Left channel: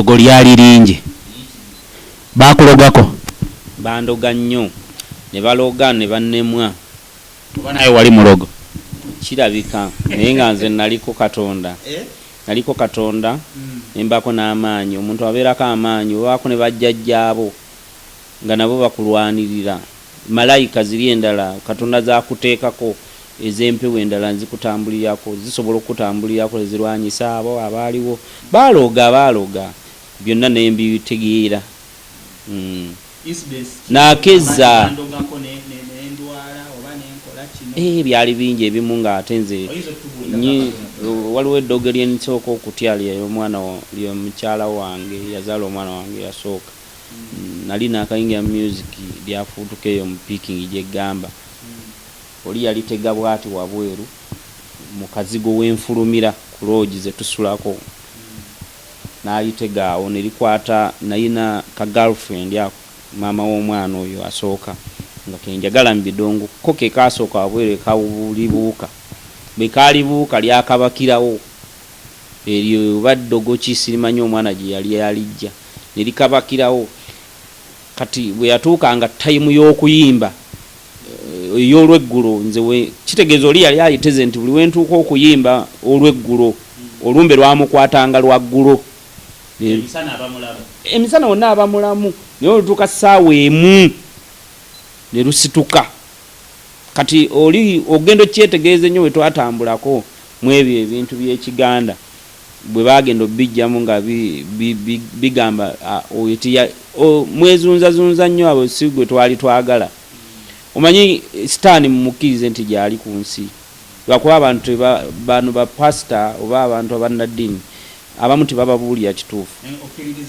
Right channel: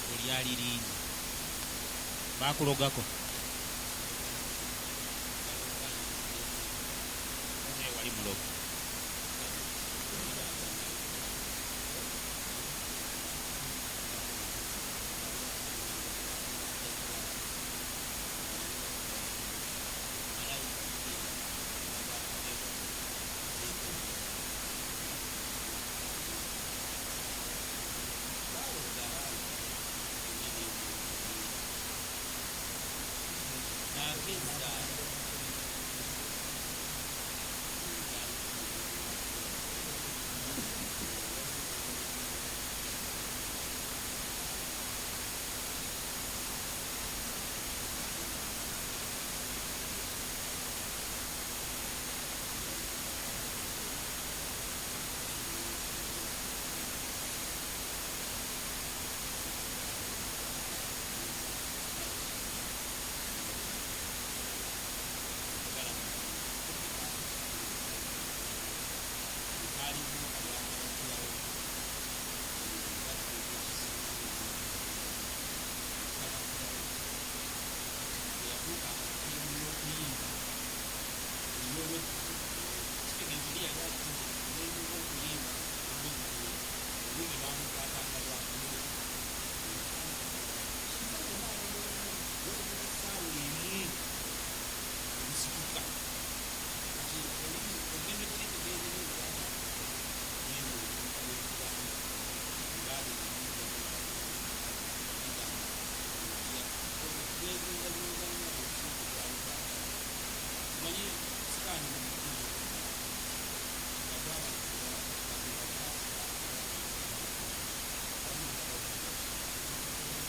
eddogo lyali lingi bakulogako bandoga nnyo ne baloga ne bannemwa oba naye wali mulogo kirabika naye nga nze naliko katonda nembako n'amaanyi omuntu abeerako amaanyi obaako ne bajjajjaabo nga nabo bakulwanirira malayika ziri endala katonda zakuteekako ez'empewo endala nzikutambulirako zisobola okutambulirako ezirwanyisa abo abaaliwo baaloga byonna nembitegeera nakeza byali bingi ebimu ng'ate nze waliwo eddogo lyenisooka okutya lyomwana lyomukyala wange yazaala omwana wange yasooka nali nakayingira music lyafuutuka eyo mu piking gyegamba oli yalitega bwati wabweru mu kazigo w'enfulumira ku loogi zetusulako n'alitega awo nelikwata nayina ka girlfriend ako maama w'omwana oyo asooka nga kenjagala mu bidongo ko ke kasooka wabweru ekawulibuuka bwe kaalibuuka lyakabakirawo eryo baddogo kisirimanyi omwana gye yali yalijja nelikabakirawo kati bwe yatuukanga tayimu y'okuyimba ey'olweggulo nze kitegeeza oli yali ayiteze nti buli wentuuka okuyimba olweggulo olumbe lwamukwatanga lwaggulo emisana wonna abamulamu naye olutuuka ssaawa emu ne lusituka kati oli ogenda okyetegeeza ennyo we twatambulako mu ebyo ebintu by'ekiganda bwe bagenda obijjamu nga bigamba mwezunzazunza nnyo abo si gwe twali twagala omanyi sitaani mumukkirize nti gyali ku nsi lwakuba abantu bano bapasita oba abantu abannaddiini abamu tebababuulira kituufu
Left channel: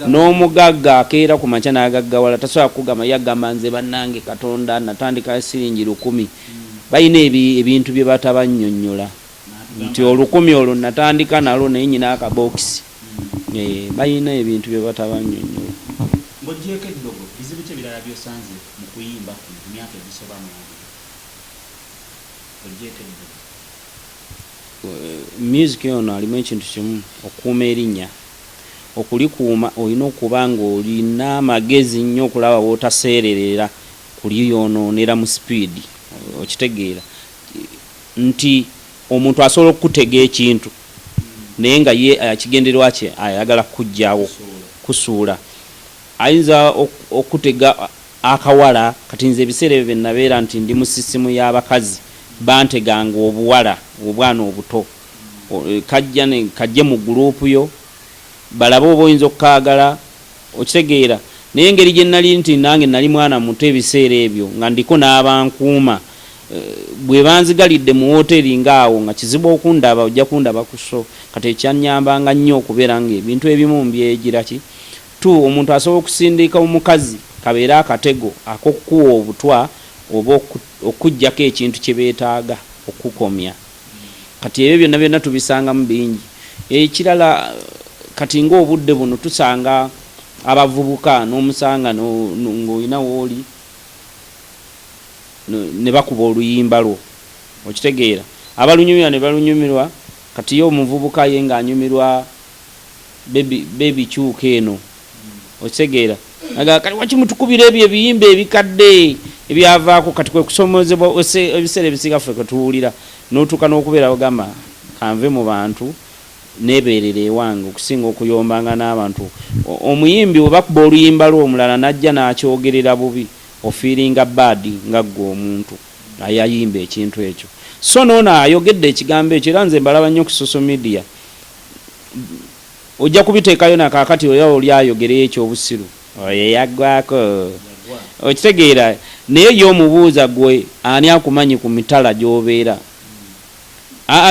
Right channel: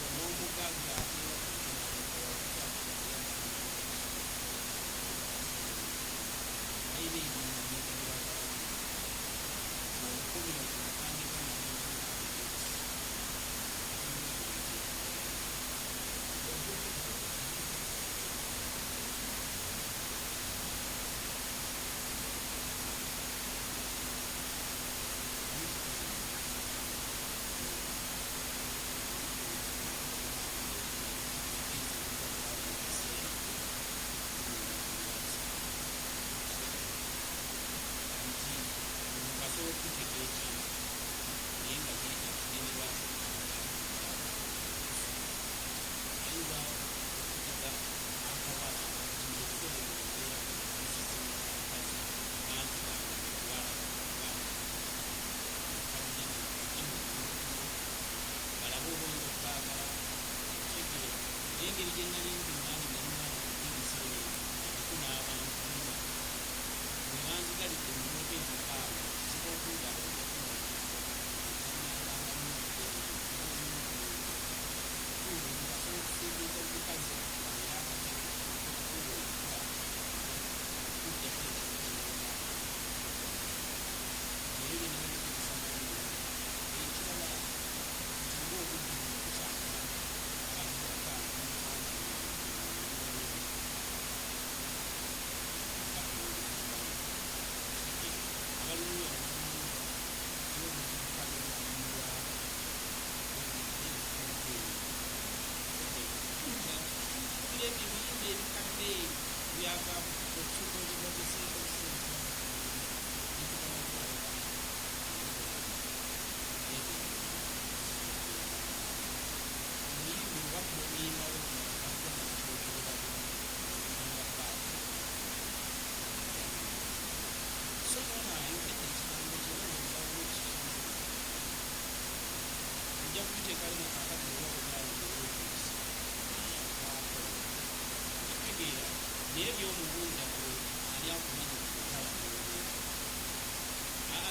n'omugagga akeera ku makya n'agaggawala tasobola kugamba yagamba nze bannange katonda natandika siringi 1,000 balina ebintu bye batabannyonnyola nti 1,000 olwo natandika nalwo naye nyina akabokisi balina ebintu bye batabannyonnyola music yono alimu ekintu kimu okuuma erinnya okulikuuma olina okuba nga olina amagezi nnyo okulaba wootaseererera kuliyonoonera mu sipiidi okitegeera nti omuntu asobola okutega ekintu naye nga ye kigendererwa kye ayagala kujjawo kusuula ayinza okutega akawala kati nze ebiseera ebyo byennabeera nti ndi mu sisimu y'abakazi banteganga obuwala obwana obuto kajje mu guruupu yo balabe oba oyinza okukaagala okitegeera naye engeri gye nali nti nange nali mwana muto ebiseera ebyo nga ndiko n'abankuuma bwe banzigalidde mu woteeri ngaawo nga kizibu okundaba ojja kundaba kuso kati ekyanyambanga nnyo okubeera nga ebintu ebimu mbyegira ki omuntu asobola okusindika omukazi kabeera akatego ak'okukuwa obutwa oba okuggyako ekintu kye beetaaga okukomya kati ebyo byonna byonna tubisangamu bingi ekirala kati ng'obudde buno tusanga abavubuka n'omusanga ng'olina wooli ne bakuba oluyimba lwo okitegeera abalunyumirwa ne balunyumirwa kati ye omuvubuka ye ng'anyumirwa bebi kyuka eno okitegeera kati wakimutukubira ebyo ebiyimba ebikadde ebyavaako kati kwe kusomozebwa ebiseera ebisinga ffe kwe tuwulira n'otuuka n'okubeera bagamba kanve mu bantu nebeerera ewange okusinga okuyombanga n'abantu omuyimbi we bakuba oluyimba lw'omulala najja n'akyogerera bubi ofiiringa baadi nga ggwe omuntu ayayimba ekintu ekyo so noono ayogedde ekigambo ekyo era nze mbalaba nnyo ku social media ojja kubiteekayo nakaakati oya oli ayogereyo ekyobusiru oyo yaggwako okitegeera naye y'omubuuza gwe ani akumanyi ku mitala gy'obeera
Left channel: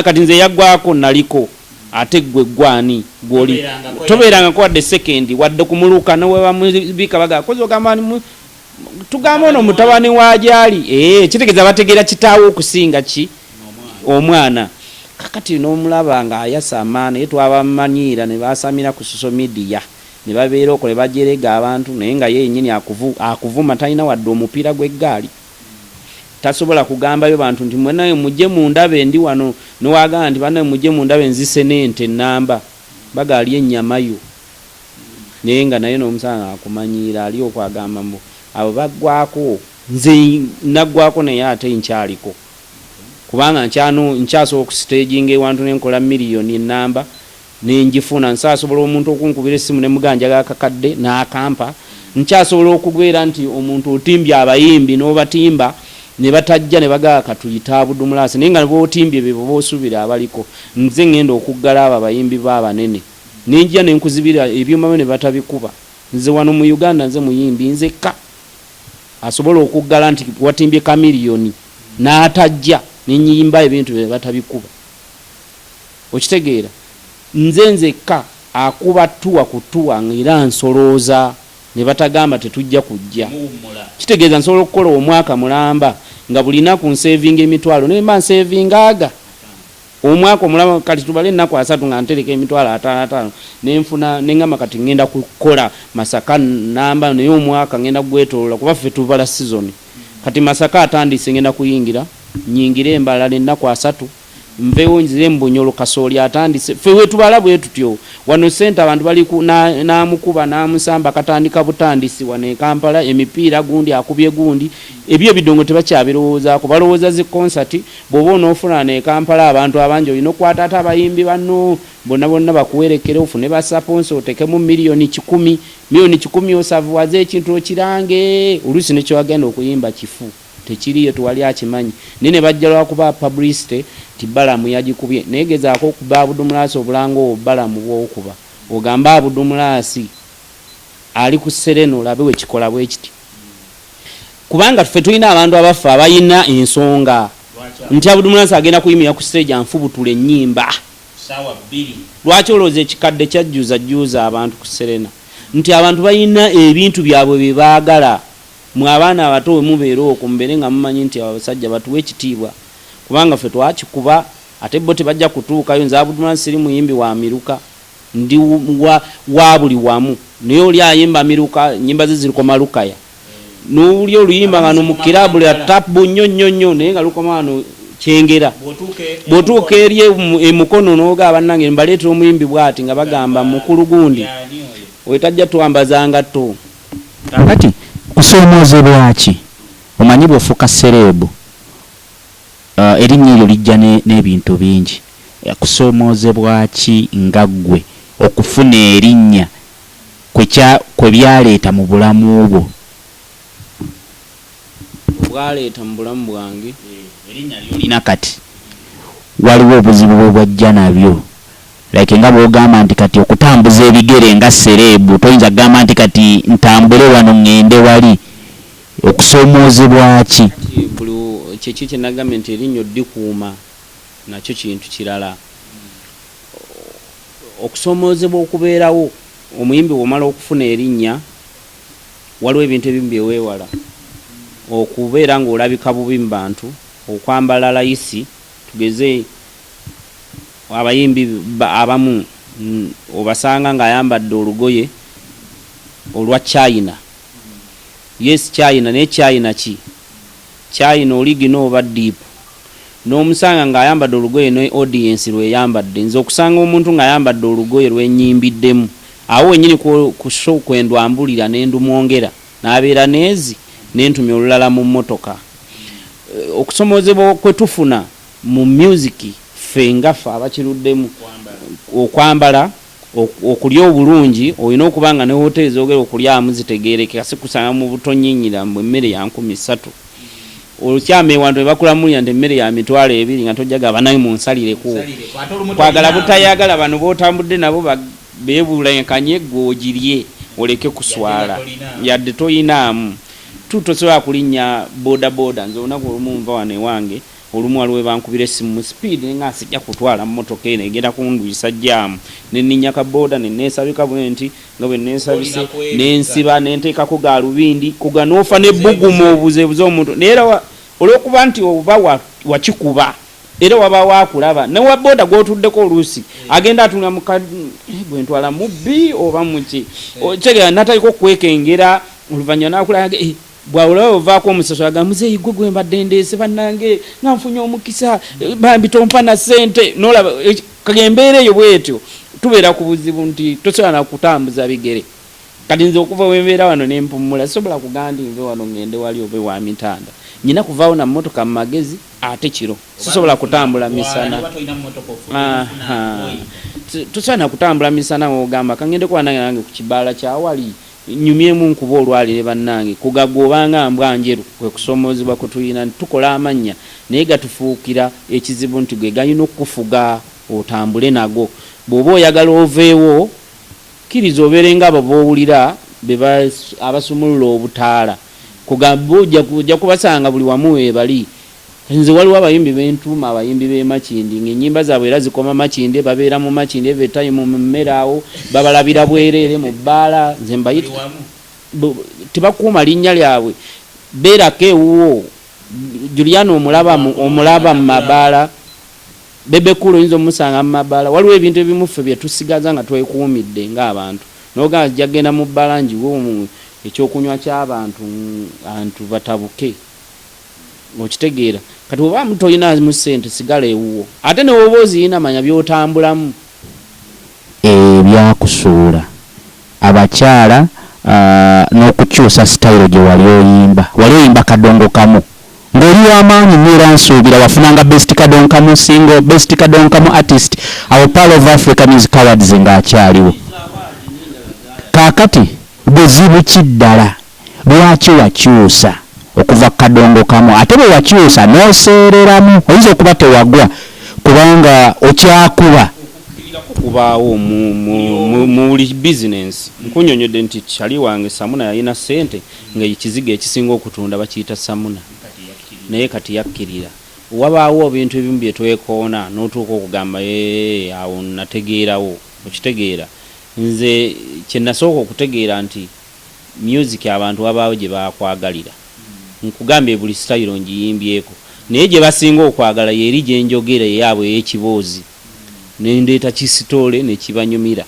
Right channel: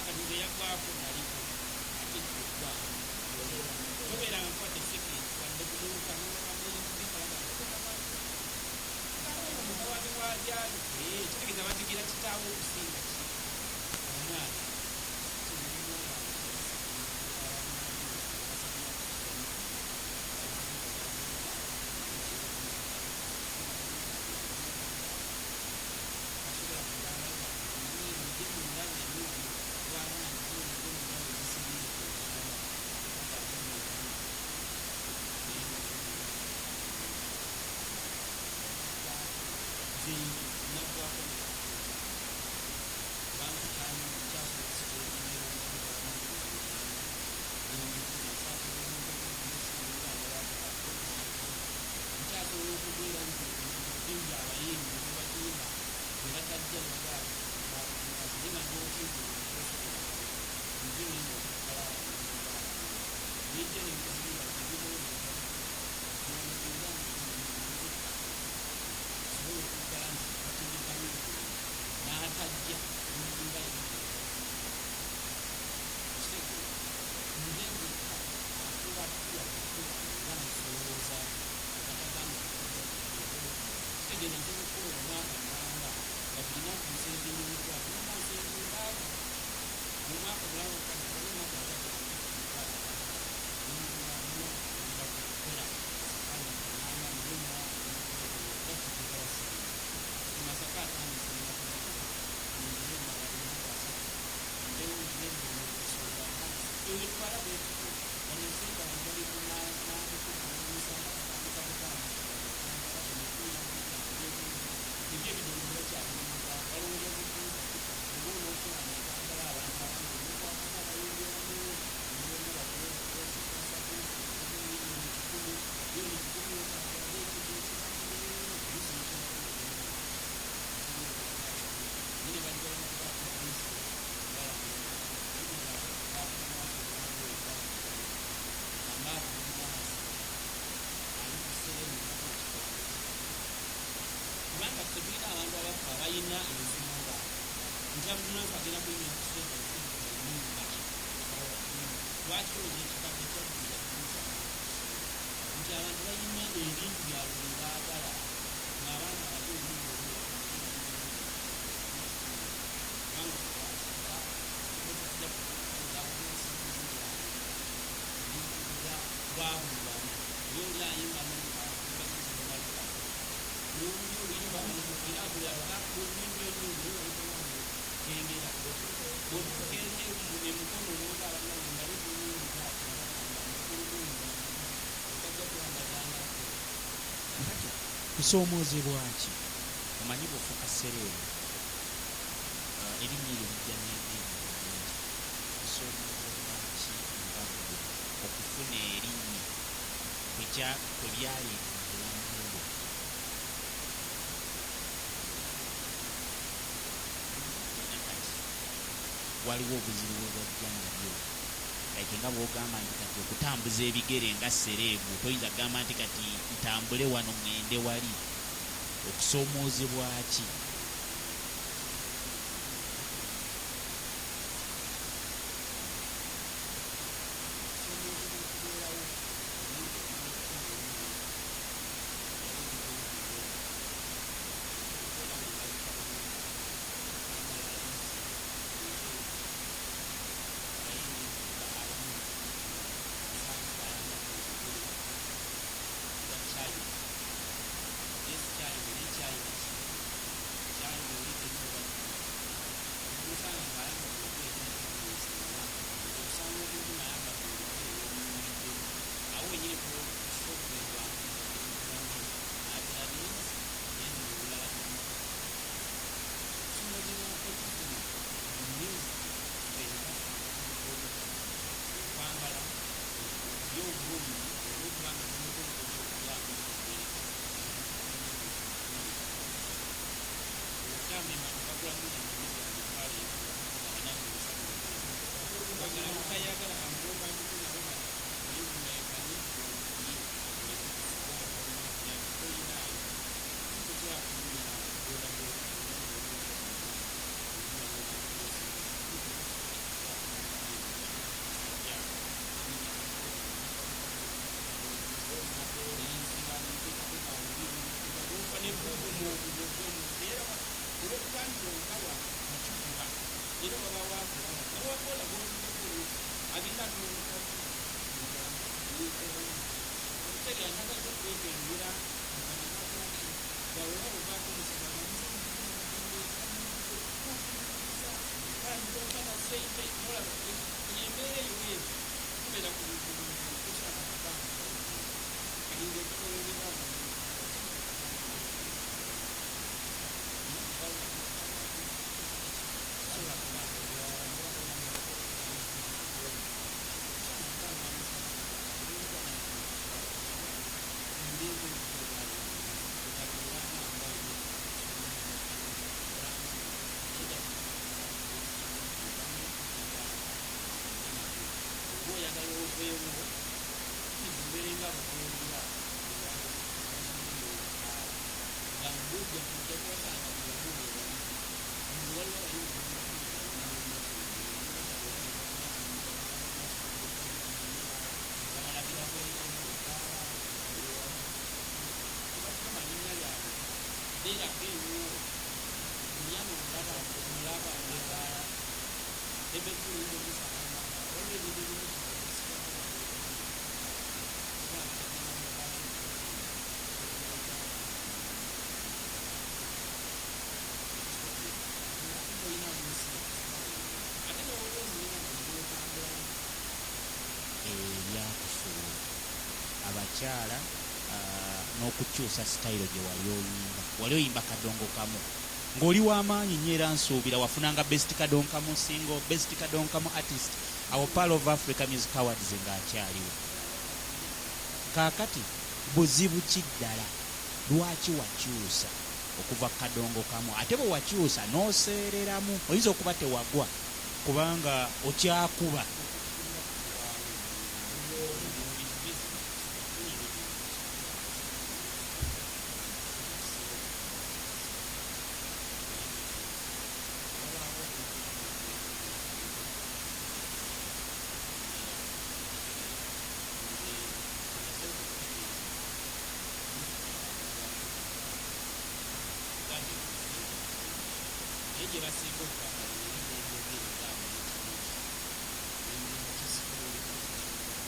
kati nze yaggwako naliko ate gwe gwani gwoli tobeerangako wadde sekendi wadde kumuluka nowe bamubika baga kozi ogamba tugamba ono mutabani waajali kitegeeza bategeera kitaawo okusinga ki omwana kakati n'omulaba nga ayasa amaana naye twabamanyiira ne basamira ku social media ne babeera okole bajerega abantu naye nga yennyini akuvuma talina wadde omupiira gw'eggaali tasobola kugambayo bantu nti mwenaye mujje mundabe ndi wano newagamba nti banaye mujje mundabe nzise n'ente ennamba bagaali ennyama yo naye nga naye n'omusanga akumanyiira ali okwagamba mbu abo baggwako nze naggwako naye ate nkyaliko kubanga nkyasobola okusitaginga ewantu nenkola miliyoni enamba nenjifuna nsasobola omuntu okunkubira essimu nemuganja gakakadde n'akampa nkyasobola okugwera nti omuntu otimbye abayimbi n'obatimba ne batajja ne bagaa katuyita abudumulasi naye nga bootimbye bebo boosubira abaliko nze ngenda okuggala abo abayimbi baabanene nenjja nenkuzibira ebyuma ne batabikuba nze wano mu Uganda nze muyimbi nzekka asobola okuggala nti watimbye kamiliyoni n'atajja nenyimba ebintu bye batabikuba okitegeera nze nzekka akuba tuwa kutuwa ngira nsolooza ne batagamba tetujja kujja kitegeeza nsobola okukola omwaka mulamba nga bulina ku nsevinga emitwalo nemba nsevingaga omwaka omulamba kati tubale ennaku 3 nga ntereka emitwalo 5 nenfuna nengamba kati ngenda kukola Masaka namba naye omwaka ngenda gwetolola kuba ffe tuvala season kati Masaka atandise ngenda kuyingira nyingire embalala ennaku 3 mvewo nzire Mbonyolo Kasooli atandise ffe wetubala bwe tutyo wano sente abantu bali namukuba namusamba katandika butandisi wane Kampala emipiira gundi akubye gundi ebyo bidongo tebakyabirowooza ko balowooza zi concert bobo n'ofuna ne Kampala abantu abanjo ino kwatata abayimbi bano bonna bakuwerekere ofune ba sponsor otekemu miliyoni 10 osavuwaze ekintu okirange olusi nekyo agenda okuyimba kifu tekiriyo tuwali akimanyi nene bajjalwa kuba publicity tibalamu yagikubye negezaako okuba Abudumulasi obulango obalamu bwokuba ogamba Abudumulasi ali ku Sereno labe we kikola bwe kiti kubanga ffe tulina abantu abafa abayina ensonga nti Abudumulasi agenda kuyimira ku stage anfubutule ennyimba sawa 2 lwaki olooza ekikadde kyajjuza abantu ku Serena nti abantu bayina ebintu byabwe bebaagala mwe abaana abato mubeera okwo mbere nga mumanyi nti abasajja batuwa ekitiibwa kubanga ffe twakikuba ate bo tebajja kutuukayo nze Abudumulasi siri muyimbi wa miruka ndi wa buli wamu naye oli ayimba miruka nyimba ze zirikoma lukaya n'oli oluyimba nga no mu kilabu lya tapu nnyo naye nga lukoma wano kyengera bw'otuuka eri emukono n'oga bannange mbaleetera omuyimbi bw'ati nga bagamba mukulu gundi wetajja twambazanga to kakati kusoomozebwa ki omanyi bw'ofuuka serebu erinnya eryo lijja n'ebintu bingi kusoomozebwa ki nga ggwe okufuna erinnya kwe byaleeta mu bulamu bwo bwaleeta mu bulamu bwange erinnya lyolina kati waliwo obuzibu bwe bwajja nabyo like nga bwogamba nti kati okutambuza ebigere nga serebu toyinza kugamba nti kati ntambule wano ngende wali okusoomozebwa ki kyeki kyenagambye nti erinnya oddikuuma nakyo kintu kirala okusoomozebwa okubeerawo omuyimbi bw'omala okufuna erinnya waliwo ebintu ebimu byeweewala okubeera ng'olabika bubi mu bantu okwambala layisi tugeze abayimbi abamu obasanga ng'ayambadde olugoye olwa China yes China naye China ki China oligi n'oba deep n'omusanga ng'ayambadde olugoye ne audience lweyambadde nze okusanga omuntu ng'ayambadde olugoye lwenyimbiddemu awo wenyini ku show kwendwambulira n'endumwongera n'abeera neezi n'entumya olulala mu mmotoka okusomozebwa kwe tufuna mu music ffe ngaffe abakiruddemu okwambala okulya obulungi olina okubanga ne hoteli zogera okulyamu zitegeerekeka si kusanga mu butonyinyira mu emmere ya 13 olukyama ewantu ebakulamulira nti emmere ya mitwalo 2 nga tojjaga banayi munsalireko kwagala butayagala bano bootambudde nabo beebulekanye gwogirye oleke kuswala yadde toyinaamu tutosobola kulinnya bodaboda nze olunaku olumu nva wano ewange olumu waliwo bankubira essimu mu speed nga sijja kutwala mmotoka eno egenda kundwisa jjaamu nenninya kaboda neneesabika bwe nti nga bwe neesabise nensiba nenteekako galubindi kuga n'ofa nebbugumu obuzeebuze omuntu naye era olw'okuba nti oba wakikuba era waba waakulaba newa boda gw'otuddeko oluusi agenda atunga bwe ntwala mubbi oba muki otegera nataliko kwekengera oluvannyuma n'akulaba bwawulawe ovaako omusaso aga muzeeyi gwe gwe mbadde ndeese bannange nga nfunye omukisa bambi tompa na ssente n'olaba kagembeera eyo bwetyo tubeera ku buzibu nti tosobola na kutambuza bigere kati nze okuva wembeera wano nempumula sobola kugandi nve wano ngende wali obe wa mitanda nyina kuvaawo na mmotoka mu magezi ate kiro sisobola kutambula misana tusaana kutambula misana ogamba kangende kwanange nange ku kibaala kyawali nyumyemu nkuba olwalire bannange kugagobanga mbwa njeru kwe kusomoozebwa kutuyina tukola amannya naye gatufuukira ekizibu nti gwe gayina okufuga otambule nago bw'oba oyagala oveewo kkiriza obeere nga abo boowulira abasumulula obutaala kugamba ojja kubasanga buli wamu webali nze waliwo abayimbi bentuuma abayimbi b'emakindi ng'ennyimba zaabwe era zikoma makinde babeera mu makinde evertime mu mmere awo babalabira bwereere mu bbaala nze mbayita tebakuuma linnya lyabwe beerako ewuwo Juliana omulaba mu mabaala bebekulu oyinza omusanga mu mabaala waliwo ebintu ebimu ffe bye tusigaza nga twekuumidde ng'abantu noga jagenda mu bbaala njiwo ekyokunywa ky'abantu antu batabuke okitegeera kati oba mutoyina mu ssente sigala ewuwo ate ne woba oziyina manya byotambulamu ebyakusuula abakyala n'okukyusa sitayiro gye wali oyimba kadongo kamu ng'oli w'amaanyi nnyo era nsuubira wafunanga best kadongo kamu single best kadongo kamu artist awo Pearl of Africa Music Awards ng'akyaliwo kaakati buzibu ki ddala lwaki wakyusa okuva kadongo kamu ate bwe wakyusa n'oseereramu oyinza okuba tewagwa kubanga okyakuba kubaawo mu business nkunyonyodde nti kyali wange Samuna yalina ssente ng'ekizigo ekisinga okutunda bakiyita Samuna naye kati yakkirira wabaawo ebintu ebimu bye twekoona n'otuuka okugamba awo nategeerawo okitegeera nze kye nasooka okutegeera nti music abantu wabaawo gye bakwagalira nkugambye buli style ngiyimbyeko naye gye basinga okwagala yeri gye njogera eyaabwe ey'ekiboozi nendeeta kisitole ne kibanyumira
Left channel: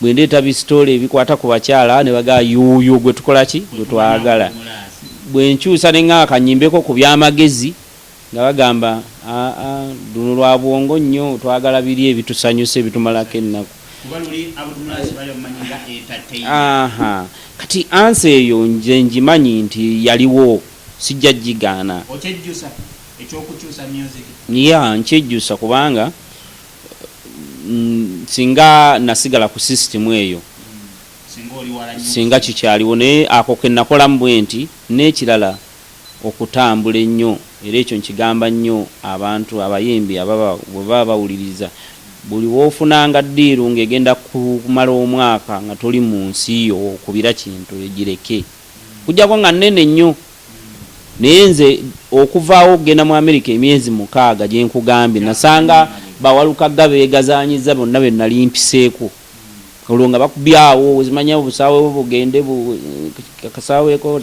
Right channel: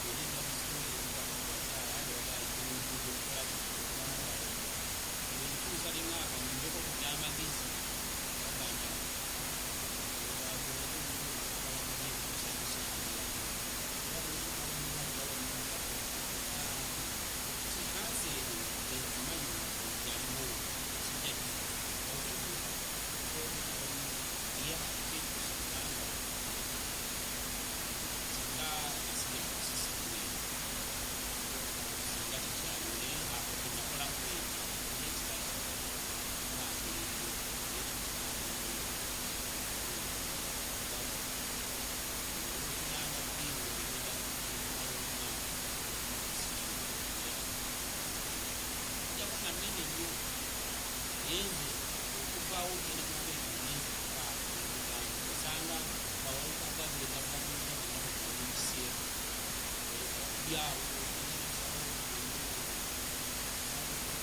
bwe ndeeta bisitole ebikwata ku bakyala ne bagaa yuuyo gwe tukola ki gwe twagala bwe nkyusa ne nga akanyimbeko ku byamagezi nga bagamba luno lwa bwongo nnyo twagala biri ebitusanyusa ebitumalako ennaku kati ansi eyo nze ngimanyi nti yaliwo sijja gigaana nkyejjusa kubanga singa nasigala ku system eyo singa kikyaliwo naye ako ke nakolamu bwe nti n'ekirala okutambula ennyo era ekyo nkigamba nnyo abantu abayimbi bwe baba bawuliriza buli woofunanga ddiiru ng'egenda kumala omwaka nga toli mu nsi yo okubira kintu egireke kujjako nga nnene nnyo naye nze okuvaawo okugenda mu Amerika emyezi 6 gye nkugambye nasanga bawalukaga beegazaanyiza bonna be nali mpiseeko olwo nga bakubyawo ozimanya obusaawe bugende kasaweeko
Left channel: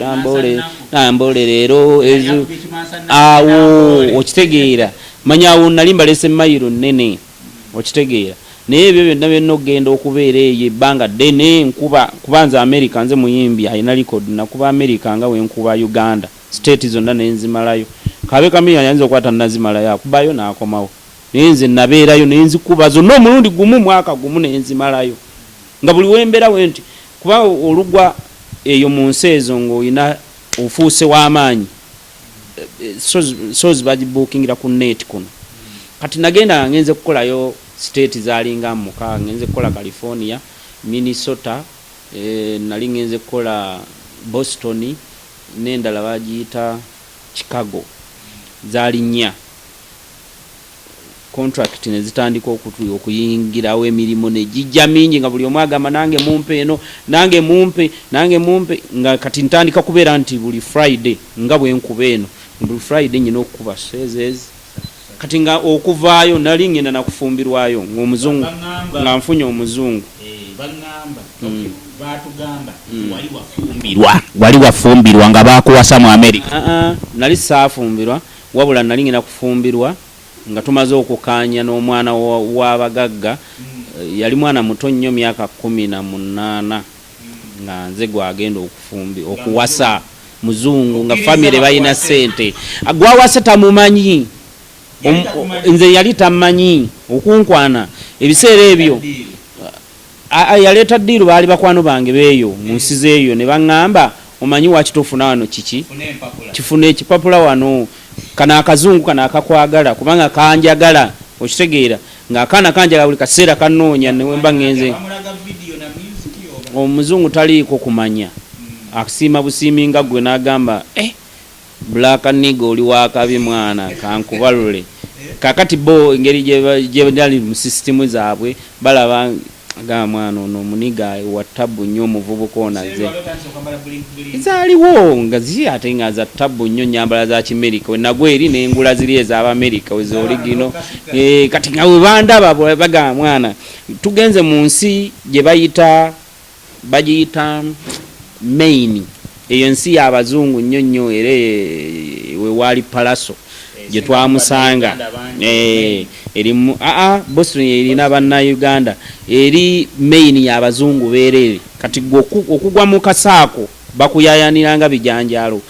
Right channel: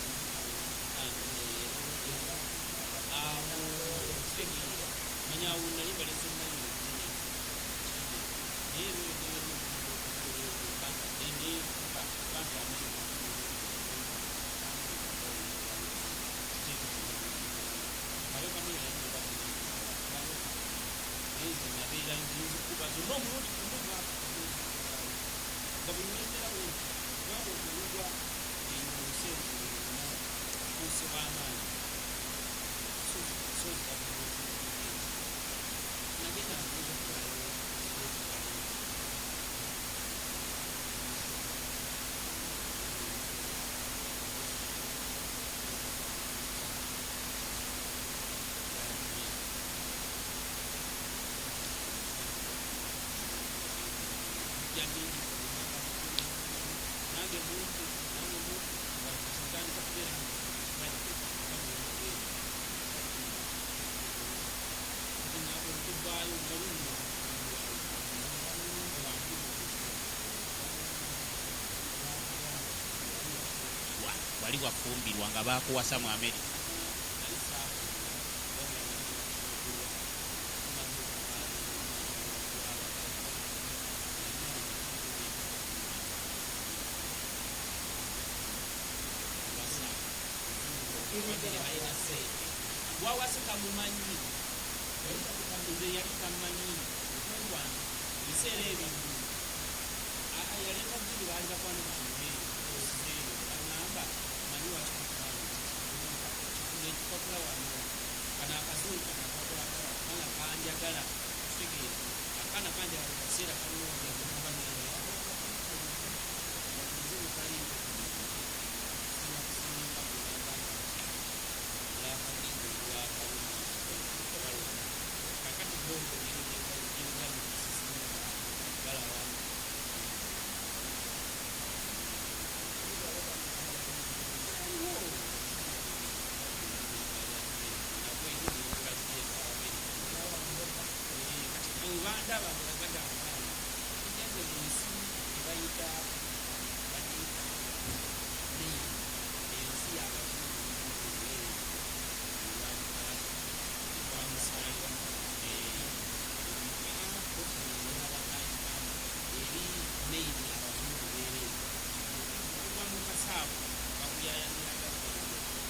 nambole leero ezo awo okitegeera manyawo nali mbalese mayiro nnene okitegeera naye ebyo byonna byonna okugenda okubeera eyo ebbanga ddene nkuba kubanza America nze muyimbi alina record nakuba America nga wenkuba Uganda state zonna nenzimalayo kabe kamenya yanze okwata nazimalayo akubayo n'akomawo naye nze nabeerayo nenzikuba zonna omulundi gumu mwaka gumu nenzimalayo nga buli wembera wenti kuba olugwa eyo mu nsi ezo ng'olina ofuuse w'amaanyi so zibagibuukingira ku net kuno kati nagenda ngenze kukolayo state zalinga 6 ngenze kukola California Minnesota nali ngenze kukola Boston n'endala bagiyita Chicago zaali 4 contract ne zitandika okuyingirawo emirimu ne gijja mingi nga buli omu agamba nange mumpe eno nange mumpe nga kati ntandika kubeera nti buli Friday nga bwe nkuba eno buli Friday nyina okuba sezes kati nga okuvaayo nali ngenda nakufumbirwayo ng'omuzungu nga nfunye omuzungu wali wafumbirwa nga bakuwasa mu America nali saafumbirwa wabula nali ngenda kufumbirwa nga tumaze okukaanya n'omwana w'abagagga yali mwana muto nnyo myaka 18 nga nze gwagenda okuwasa muzungu nga family balina ssente gwawasa tamumanyi nze yali tamanyi okunkwana ebiseera ebyo yaleeta ddiiru baali bakwano bange beeyo mu nsi zeeyo ne baŋŋamba omanyi wakitofuna wano kiki kifuna ekipapula wano kana akazungu kana akakwagala kubanga kanjagala okitegeera ng'akaana kanjagala buli kaseera kanoonya newemba ŋŋenze omuzungu taliiko kumanya akusiima busiiminga gwe n'agamba black nigga oli wakabi mwana kankubalule kakati bo engeri gye bali mu sisitimu zaabwe balaba ga mwana ono omuniga wa tabu nnyo omuvubuka onaze zaaliwo nga zi ate nga za tabu nnyo nyambala za kimerika we nagwe eri n'engula ziri ez'abamerika wezooli gino kati nga we bandaba baga mwana tugenze mu nsi gye bagiyita Maine eyo nsi y'abazungu nnyo nnyo era we waali palaso gye twamusanga erimu Boston erina bannayuganda eri Maine y'abazungu beerere kati okugwa mu kasaako bakuyayaniranga bijanjalo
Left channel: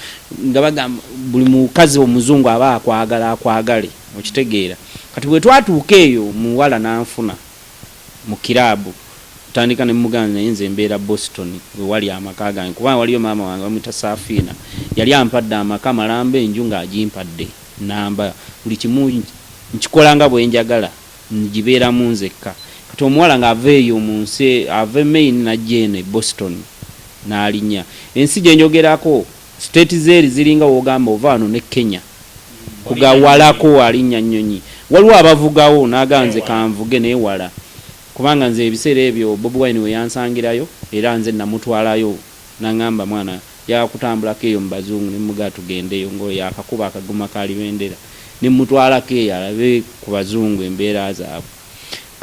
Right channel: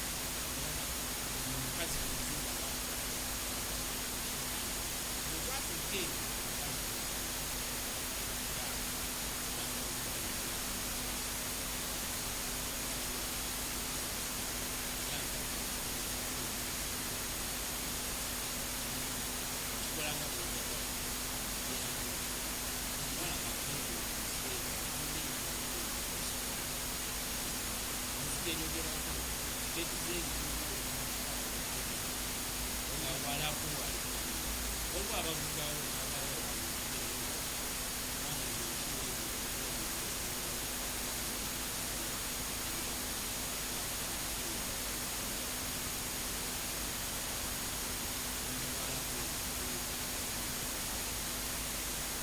nga bagamba buli mukazi omuzungu aba akwagale okitegeera kati bwe twatuuka eyo muwala n'anfuna mu kiraabu tandika ne muganda nze mbeera Boston we wali amaka gange kuba waliyo maama wange bamuyita Safina yali ampadde amaka malamba enju ng'agimpadde namba buli kimu nkikolanga bwe njagala ngibeeramu nzekka kati omuwala ng'aveeyo mu nsi ave Maine najjeene Boston n'alinya ensi gye njogerako state zeeri ziringa wogamba ova wano ne Kenya kugawalako alinnya nnyonyi waliwo abavugawo n'aganze kanvuge neewala kubanga nze ebiseera ebyo Bobi Wine we yansangirayo era nze namutwalayo nangamba mwana yakutambulako eyo mu bazungu ne muga tugendeyo ngo yakakuba akaguma kalibendera ne mutwalako eyo alabe ku bazungu embeera zaabwe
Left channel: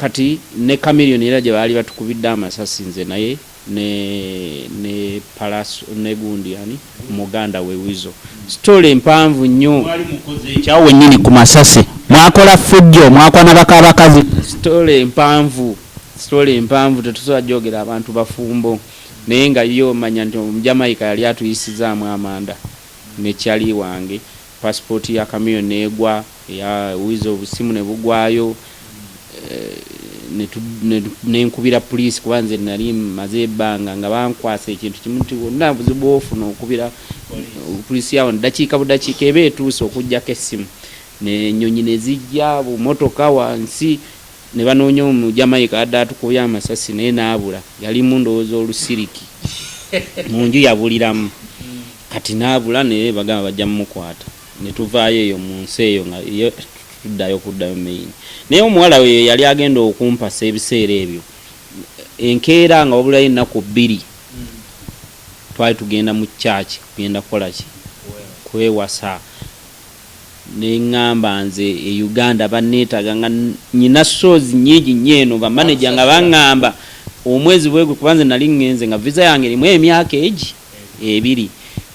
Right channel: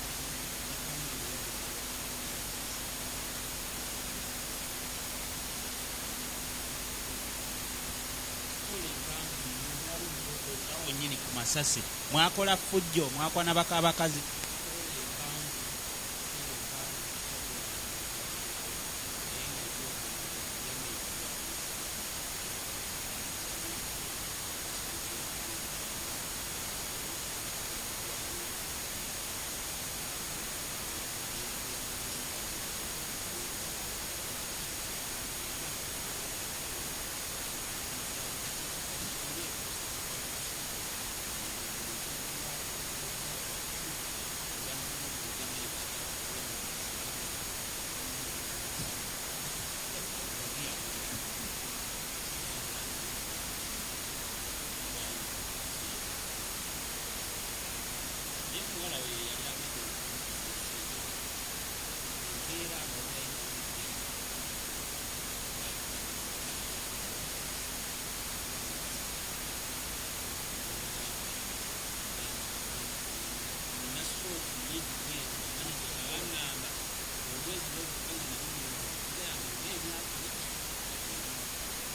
kati ne Chameleon era gye baali batukubidde amasasi nze naye ne Palaso ne gundi ani muganda we Wizo story empanvu nnyo ekyawo wennyini ku masasi mwakola fujjo mwakwana bakabakazi story empanvu tetusobola jogera abantu bafumbo naye nga yo manya nti Jamaica yali atuyisizaamu amanda nekyali wange passport ya Chameleon negwa ya Wizo obusimu ne bugwayo nenkubira police kubanze nali maze ebbanga nga bankwasa ekintu kimu nti wonna buzibu ofuna okubira police yawo dakiika budakiika eba etuuse okujjako essimu nenyonyi nezijja bumotoka wansi ne banoonya mu Jamaica adda atukubye amasasi naye naabula yali mu ndowooza olusiriki mu nju yabuliramu kati naabula naye bagamba bajja mumukwata ne tuvaayo eyo mu nsi eyo nga kuddayo Maine naye omuwala we yali agenda okumpasa ebiseera ebyo enkeera nga wabulayo ennaku 2 twali tugenda mu church kugenda kukola ki kwewasa neŋŋamba nze e Uganda banneetaga nga nyina shows nnyingi nyeeno bamanager nga baŋŋamba omwezi bwegwe kubanze nali ŋŋenze nga visa yange erimu emyaka 2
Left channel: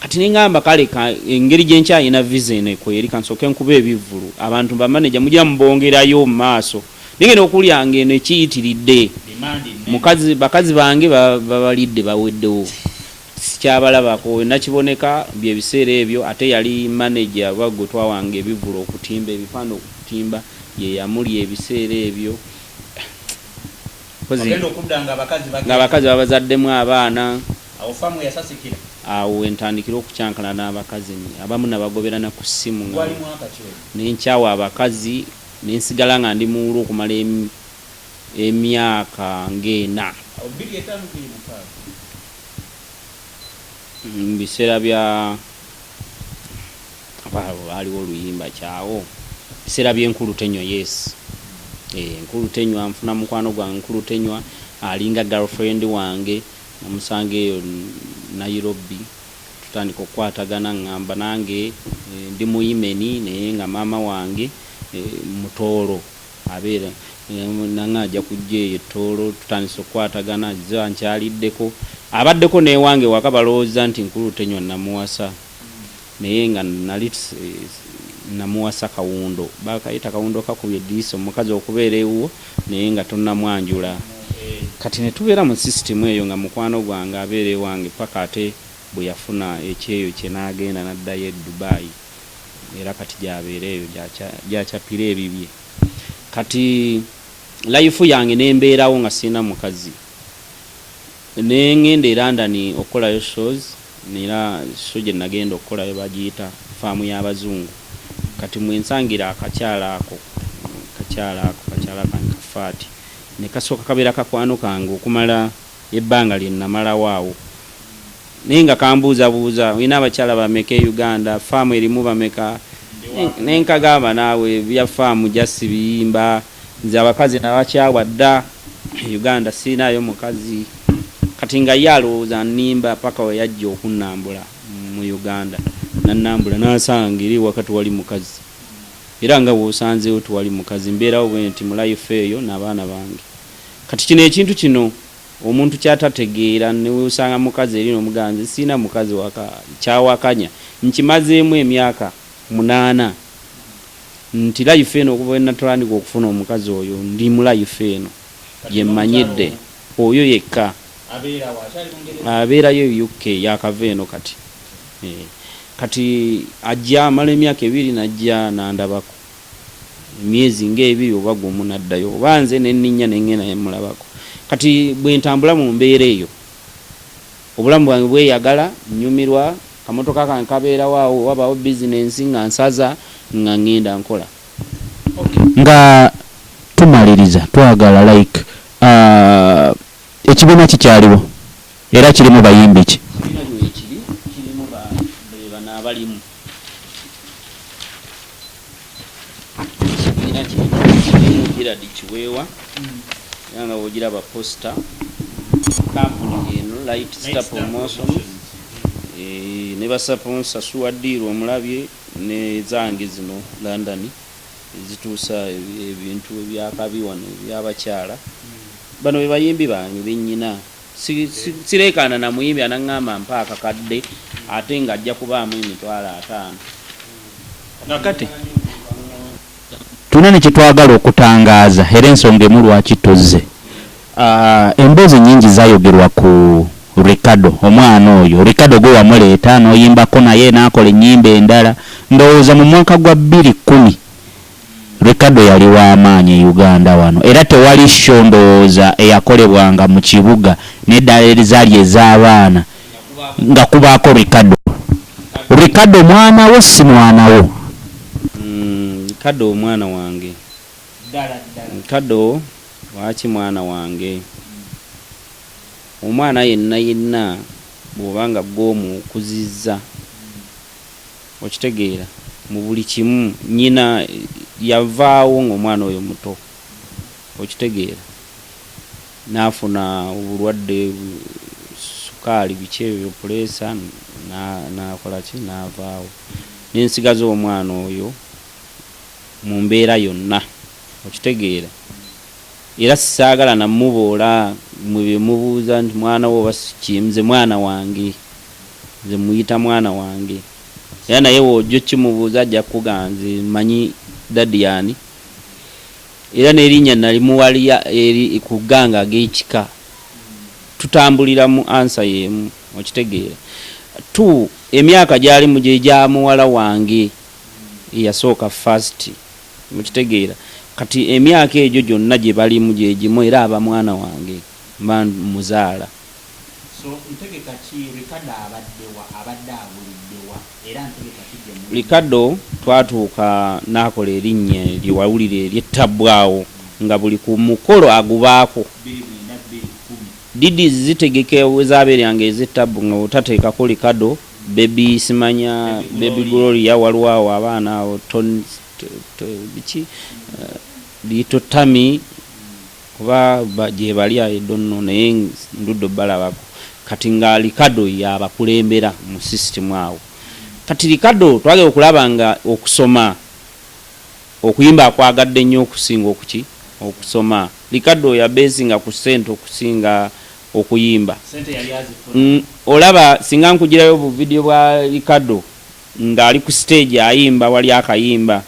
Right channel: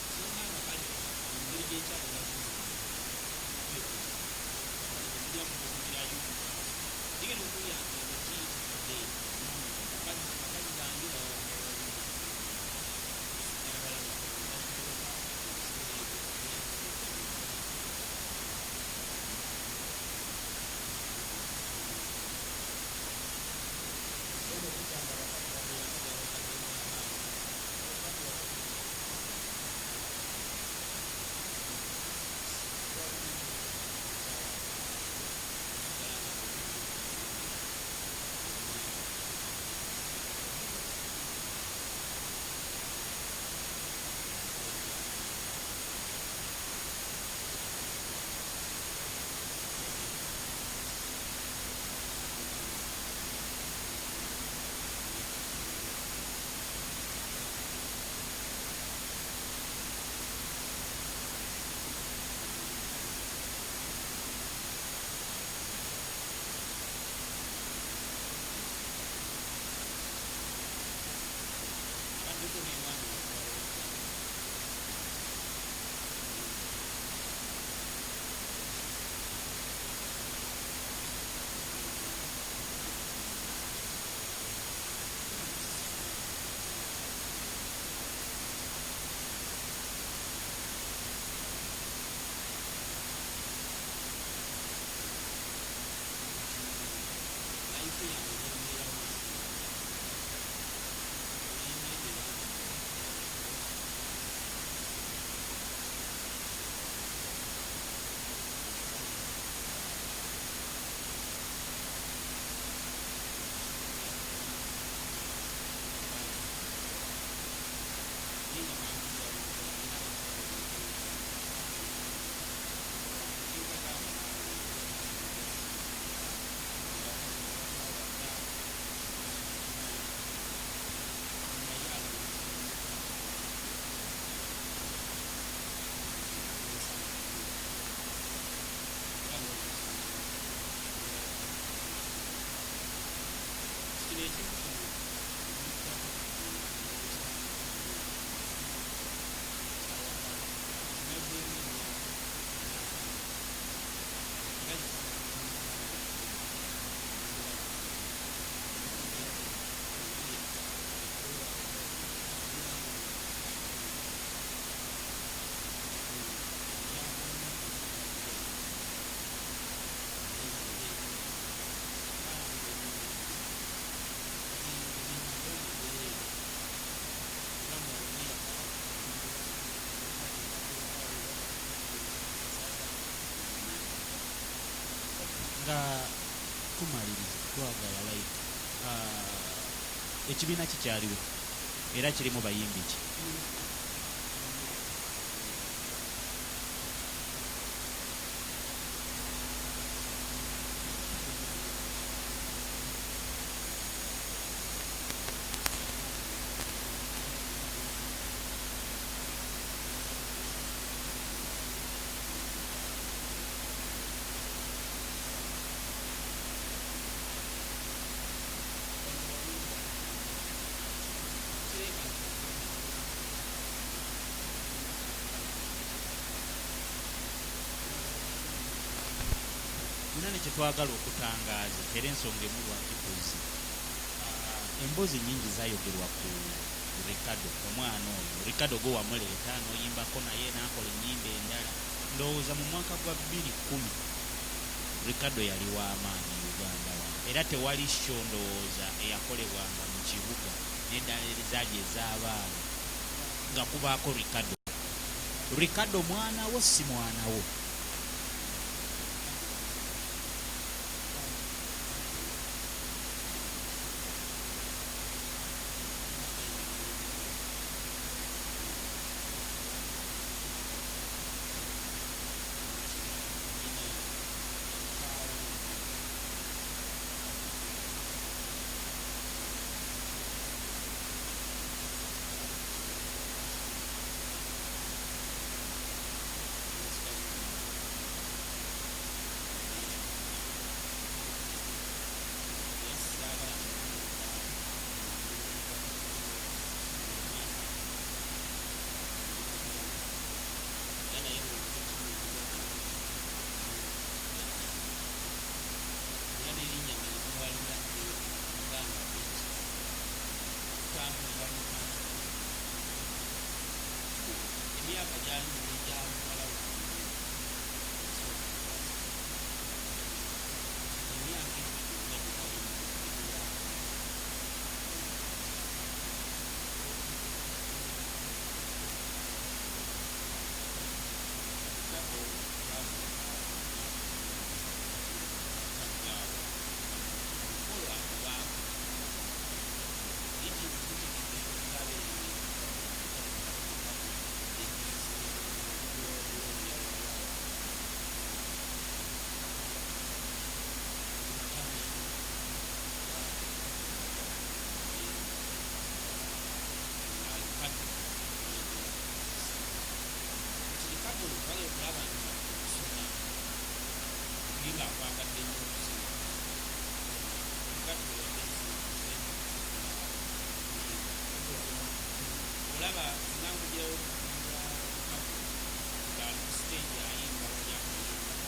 kati neŋŋamba kale engeri gye nkyayina visa eno ekweri kansooke nkuba ebivvulu abantu bamanager mujja mubongerayo mu maaso nengenda okulyanga eno ekiyitiridde bakazi bange babalidde baweddewo sikyabalabako nakiboneka byebiseera ebyo ate yali manager bagwe twawanga ebivulu okutimba ebipande okutimba ye yamuli ebiseera ebyo nga abakazi babazaddemu abaana awo entandikira okukyankana n'abakazi abamu nabagoberana ku ssimu nenkyawa abakazi nensigala nga ndi muwulu okumala emyaka ng'ena biseera bya waliwo oluyimba kyawo biseera by'enkulu tenywa yes enkulu tenywa nfuna mukwano gwange nkulu tenywa alinga girlfriend wange namusanga eyo Nairobi tutandika okukwatagana ngamba nange ndi muyimeni naye nga maama wange mutoolo abeera nanga ajja kujja eyo ettoolo tutandisa okukwatagana ziba nkyaliddeko abaddeko newange waka balowooza nti nkulu tenywa namuwasa naye nga nali namuwasa Kawundo bakayita Kawundo kakubye eddiisa omukazi okubeera ewuwo naye nga tonnamwanjula kati ne tubeera mu system eyo nga mukwano gwange abeera ewange paka ate bwe yafuna ekyeyo kye n'agenda n'addayo e Dubai era kati gyabeera eyo gyakyapira ebibye kati life yange nembeerawo nga sina mukazi nengenda e London okolayo shows nera show gye nagenda okolayo bagiyita faamu y'abazungu kati mwensangira akakyala kange kafaati ne kasooka kabeera kakwano kange okumala ebbanga lye namala waawo naye nga kambuuzabuuza olina abakyala bameka e Uganda faamu erimu bameka nenkagamba naawe bya faamu jasi biyimba nze abakazi nabakyawa dda Uganda siinayo mukazi kati nga ye alowooza nnimba paka we yajja okunnambula mu Uganda nannambula nasanga eri wakati wali mukazi era nga bw'osanzeewo tiwali mukazi mbeerawo bwe nti mu life eyo n'abaana bange kati kino ekintu kino omuntu kyatategeera neusanga mukazi eri n'omuganzi siina mukazi kyawakanya nkimazeemu emyaka 8 nti life eno okuva natandika okufuna omukazi oyo ndi mu life eno yemmanyidde oyo yekka abeerayo UK yakava eno kati kati ajja amala emyaka 2 najja nandabako myezi ng'ebiri oba gumu naddayo oba nze nenninya nengenda nemulabako kati bwe ntambula mu mbeera eyo obulamu bwange bweyagala nnyumirwa kamotoka kange kabeera waawo wabaawo bizinensi nga nsaza nga ngenda nkola nga tumaliriza twagala like ekibiina kikyaliwo era kirimu bayimbi ki kirimu bano abalimu ekibiina kirimu Girard Kiweewa yanga wogiraba posta kampuni eno Light Star Promotion ne basaponsa Suwaddiiro omulabye ne zange zino London zituusa ebintu ebyakabi wano ebyabakyala bano be bayimbi bange bennyina sireekaana na muyimbi anaŋŋamba mpa akakadde ate ng'ajja kubaamu emitwalo 5 nakati tuna ne kyetwagala okutangaaza era ensonga emu lwaki tozze emboozi nnyingi zayogerwa ku Ricardo omwana oyo Ricardo gwe wamuleeta n'oyimbako naye n'akola ennyimba endala ndowooza mu mwaka gwa 2010 Ricardo yali w'amaanyi e Uganda wano era tewali show ndowooza eyakolebwanga mu kibuga n'eddala ezaali ez'abaana nga kubaako Ricardo mwana wo si mwana wo Ricardo omwana wange Ricardo waaki mwana wange omwana yenna bw'obanga gw'omukuzizza okitegeera mu buli kimu nnyina yavaawo ng'omwana oyo muto okitegeera n'afuna obulwadde sukaali biki ebyo puleesa n'akola ki n'avaawo n'ensigaza omwana oyo mu mbeera yonna okitegeera era sisaagala namuboola mwe mubuuza nti mwana wo basikimze mwana wange nze muyita mwana wange era naye wojjo kimubuuza ajja kuganze manyi dadiyani era n'erinnya nalimuwaliya eri ku gganga ag'ekika tutambulira mu ansa y'emu okitegeera emyaka gyali mu gye gya muwala wange eyasooka first okitegeera kati emyaka egyo gyonna gye balimu gye gimu era aba mwana wange mba muzaala Ricardo twatuuka n'akola erinnya lyewawulira eryettabwawo nga buli ku mukolo agubaako didi zitegeke wezabeeranga ez'ettabbu nga otateekako Ricardo baby simanya baby Gloria waliwo abaana awo biki Lito Tami kuba gye bali ayedonno naye nduddo balabako kati nga Ricardo yabakulembera mu system awo kati Ricardo twagala okulaba nga okusoma okuyimba akwagadde nnyo okusinga okusoma Ricardo yabesinga ku sente okusinga okuyimba olaba singa nkugirayo bu video bwa Ricardo nga ali ku stage ayimba wali akayimba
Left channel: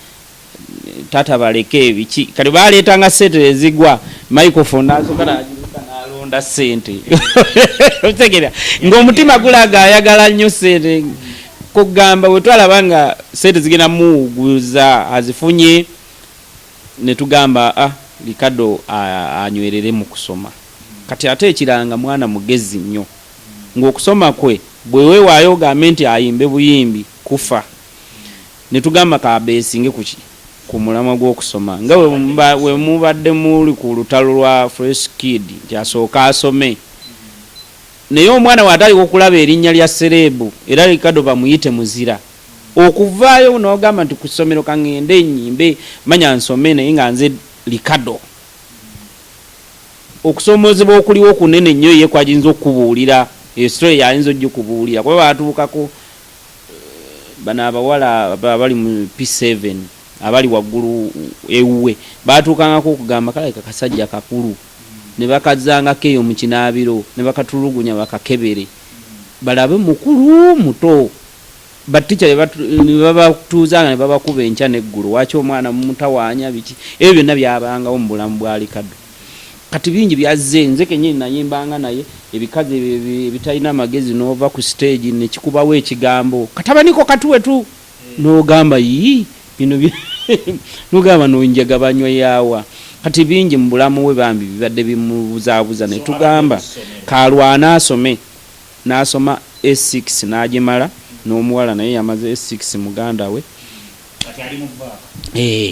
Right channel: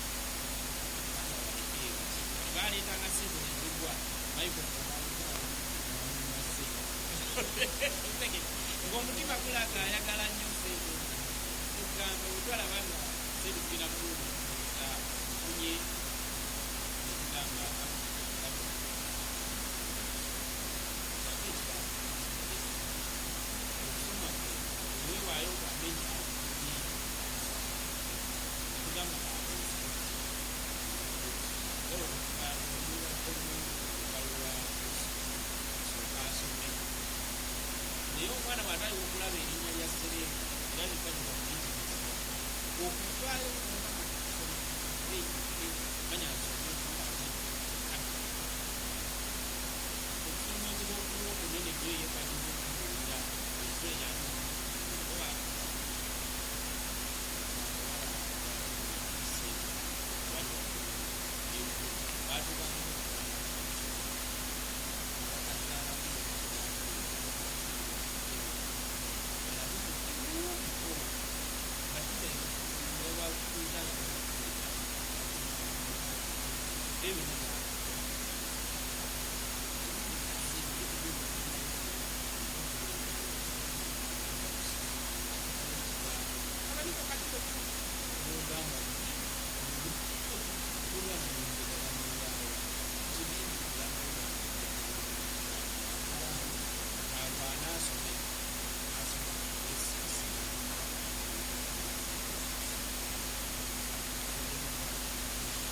tata baleke ebiki kali baleetanga sente ezigwa microphone nasokana nalonda sente otegera ng'omutima gulaga ayagala nnyo sente kugamba bwe twalaba nga sente zigenda muguza azifunye ne tugamba Ricardo anywerere mu kusoma kati ate ekiranga mwana mugezi nnyo ng'okusoma kwe bwe weewaayo ogambe nti ayimbe buyimbi kufa ne tugamba kabeesinge ku mulamwa gw'okusoma nga we mubadde muli ku lutalo lwa Fresh Kid nti asooka asome naye omwana waataliko okulaba erinnya lya serebu era Ricardo bamuyite muzira okuvaayo n'ogamba nti ku ssomero kaŋŋende ennyimbe manya nsome naye nga nze Ricardo okusomozebwa okuliwo kunene nnyo ye kwajinza okubuulira esitory yayinza ojja okubuulira kuba baatuukako bano abawala abali mu P7 abali waggulu ewuwe baatuukangako okugamba kalabika kasajja kakulu ne bakazangako eyo mu kinaabiro ne bakatulugunya bakakebere balabe mukulu muto batica ne babatuuzanga ne babakuba enkya n'eggulu waki omwana mumutawaanya biki ebyo byonna byabangawo mu bulamu bwa Ricardo kati bingi byazze nze kenyini nayimbanga naye ebikazi ebitalina amagezi n'ova ku stage nekikubawo ekigambo katabaniko katuwetu n'ogamba yi bino n'ogamba n'onjaga banywa yaawa kati bingi mu bulamu we bambi bibadde bimubuzaabuza ne tugamba kalwana asome n'asoma S6 n'agimala n'omuwala naye yamaze S6 muganda we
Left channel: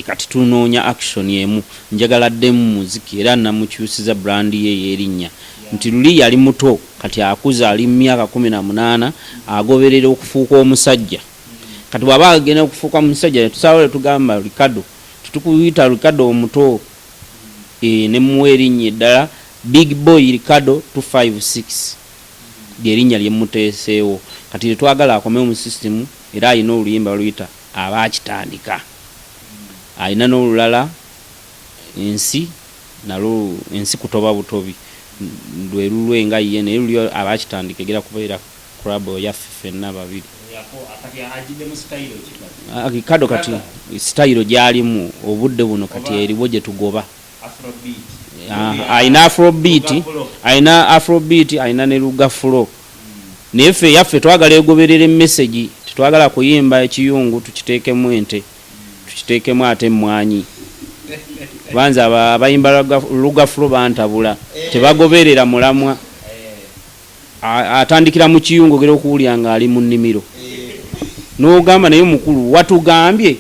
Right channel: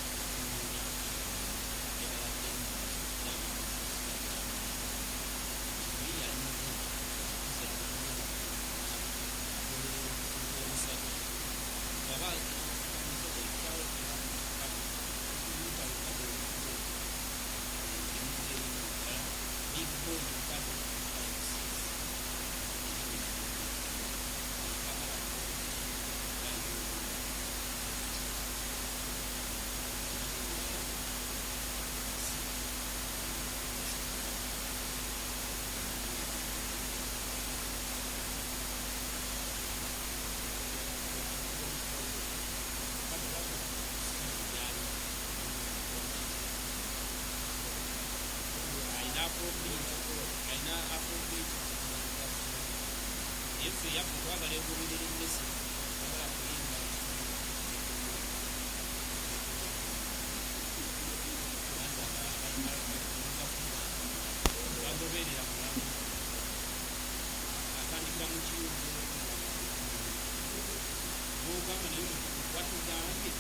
kati tunoonya action emu njagala ddemu muziki era namukyusiza brand ye erinnya nti luli yali muto kati akuza ali myaka 18 agoberera okufuuka omusajja kati bwaba agenda okufuuka omusajja ne tusawole tugamba Ricardo tutukuyita Ricardo omuto ne muwe erinnya eddala Big Boy Ricardo 256 lyerinnya lyemuteeseewo kati twagala akomeo mu system era ayina oluyimba luyita abakitandika ayina n'olulala ensi nalo ensi kutoba butobi lwe lulwenga ye naye luli abakitandika egera kubeera club yaffe ffenna babiri Ricardo kati style gyalimu obudde buno kati eriwo gye tugoba ayina afrobeat ayina ne lugafulo naye ffe yaffe twagala egoberera emmesegi tetwagala kuyimba ekiyungu tukiteekemu ente tukiteekemu ate emmwanyi banza abayimba lugafulo bantabula tebagoberera mulamwa atandikira mu kiyungu gera okuwulya nga ali mu nnimiro n'ogamba naye mukulu watugambye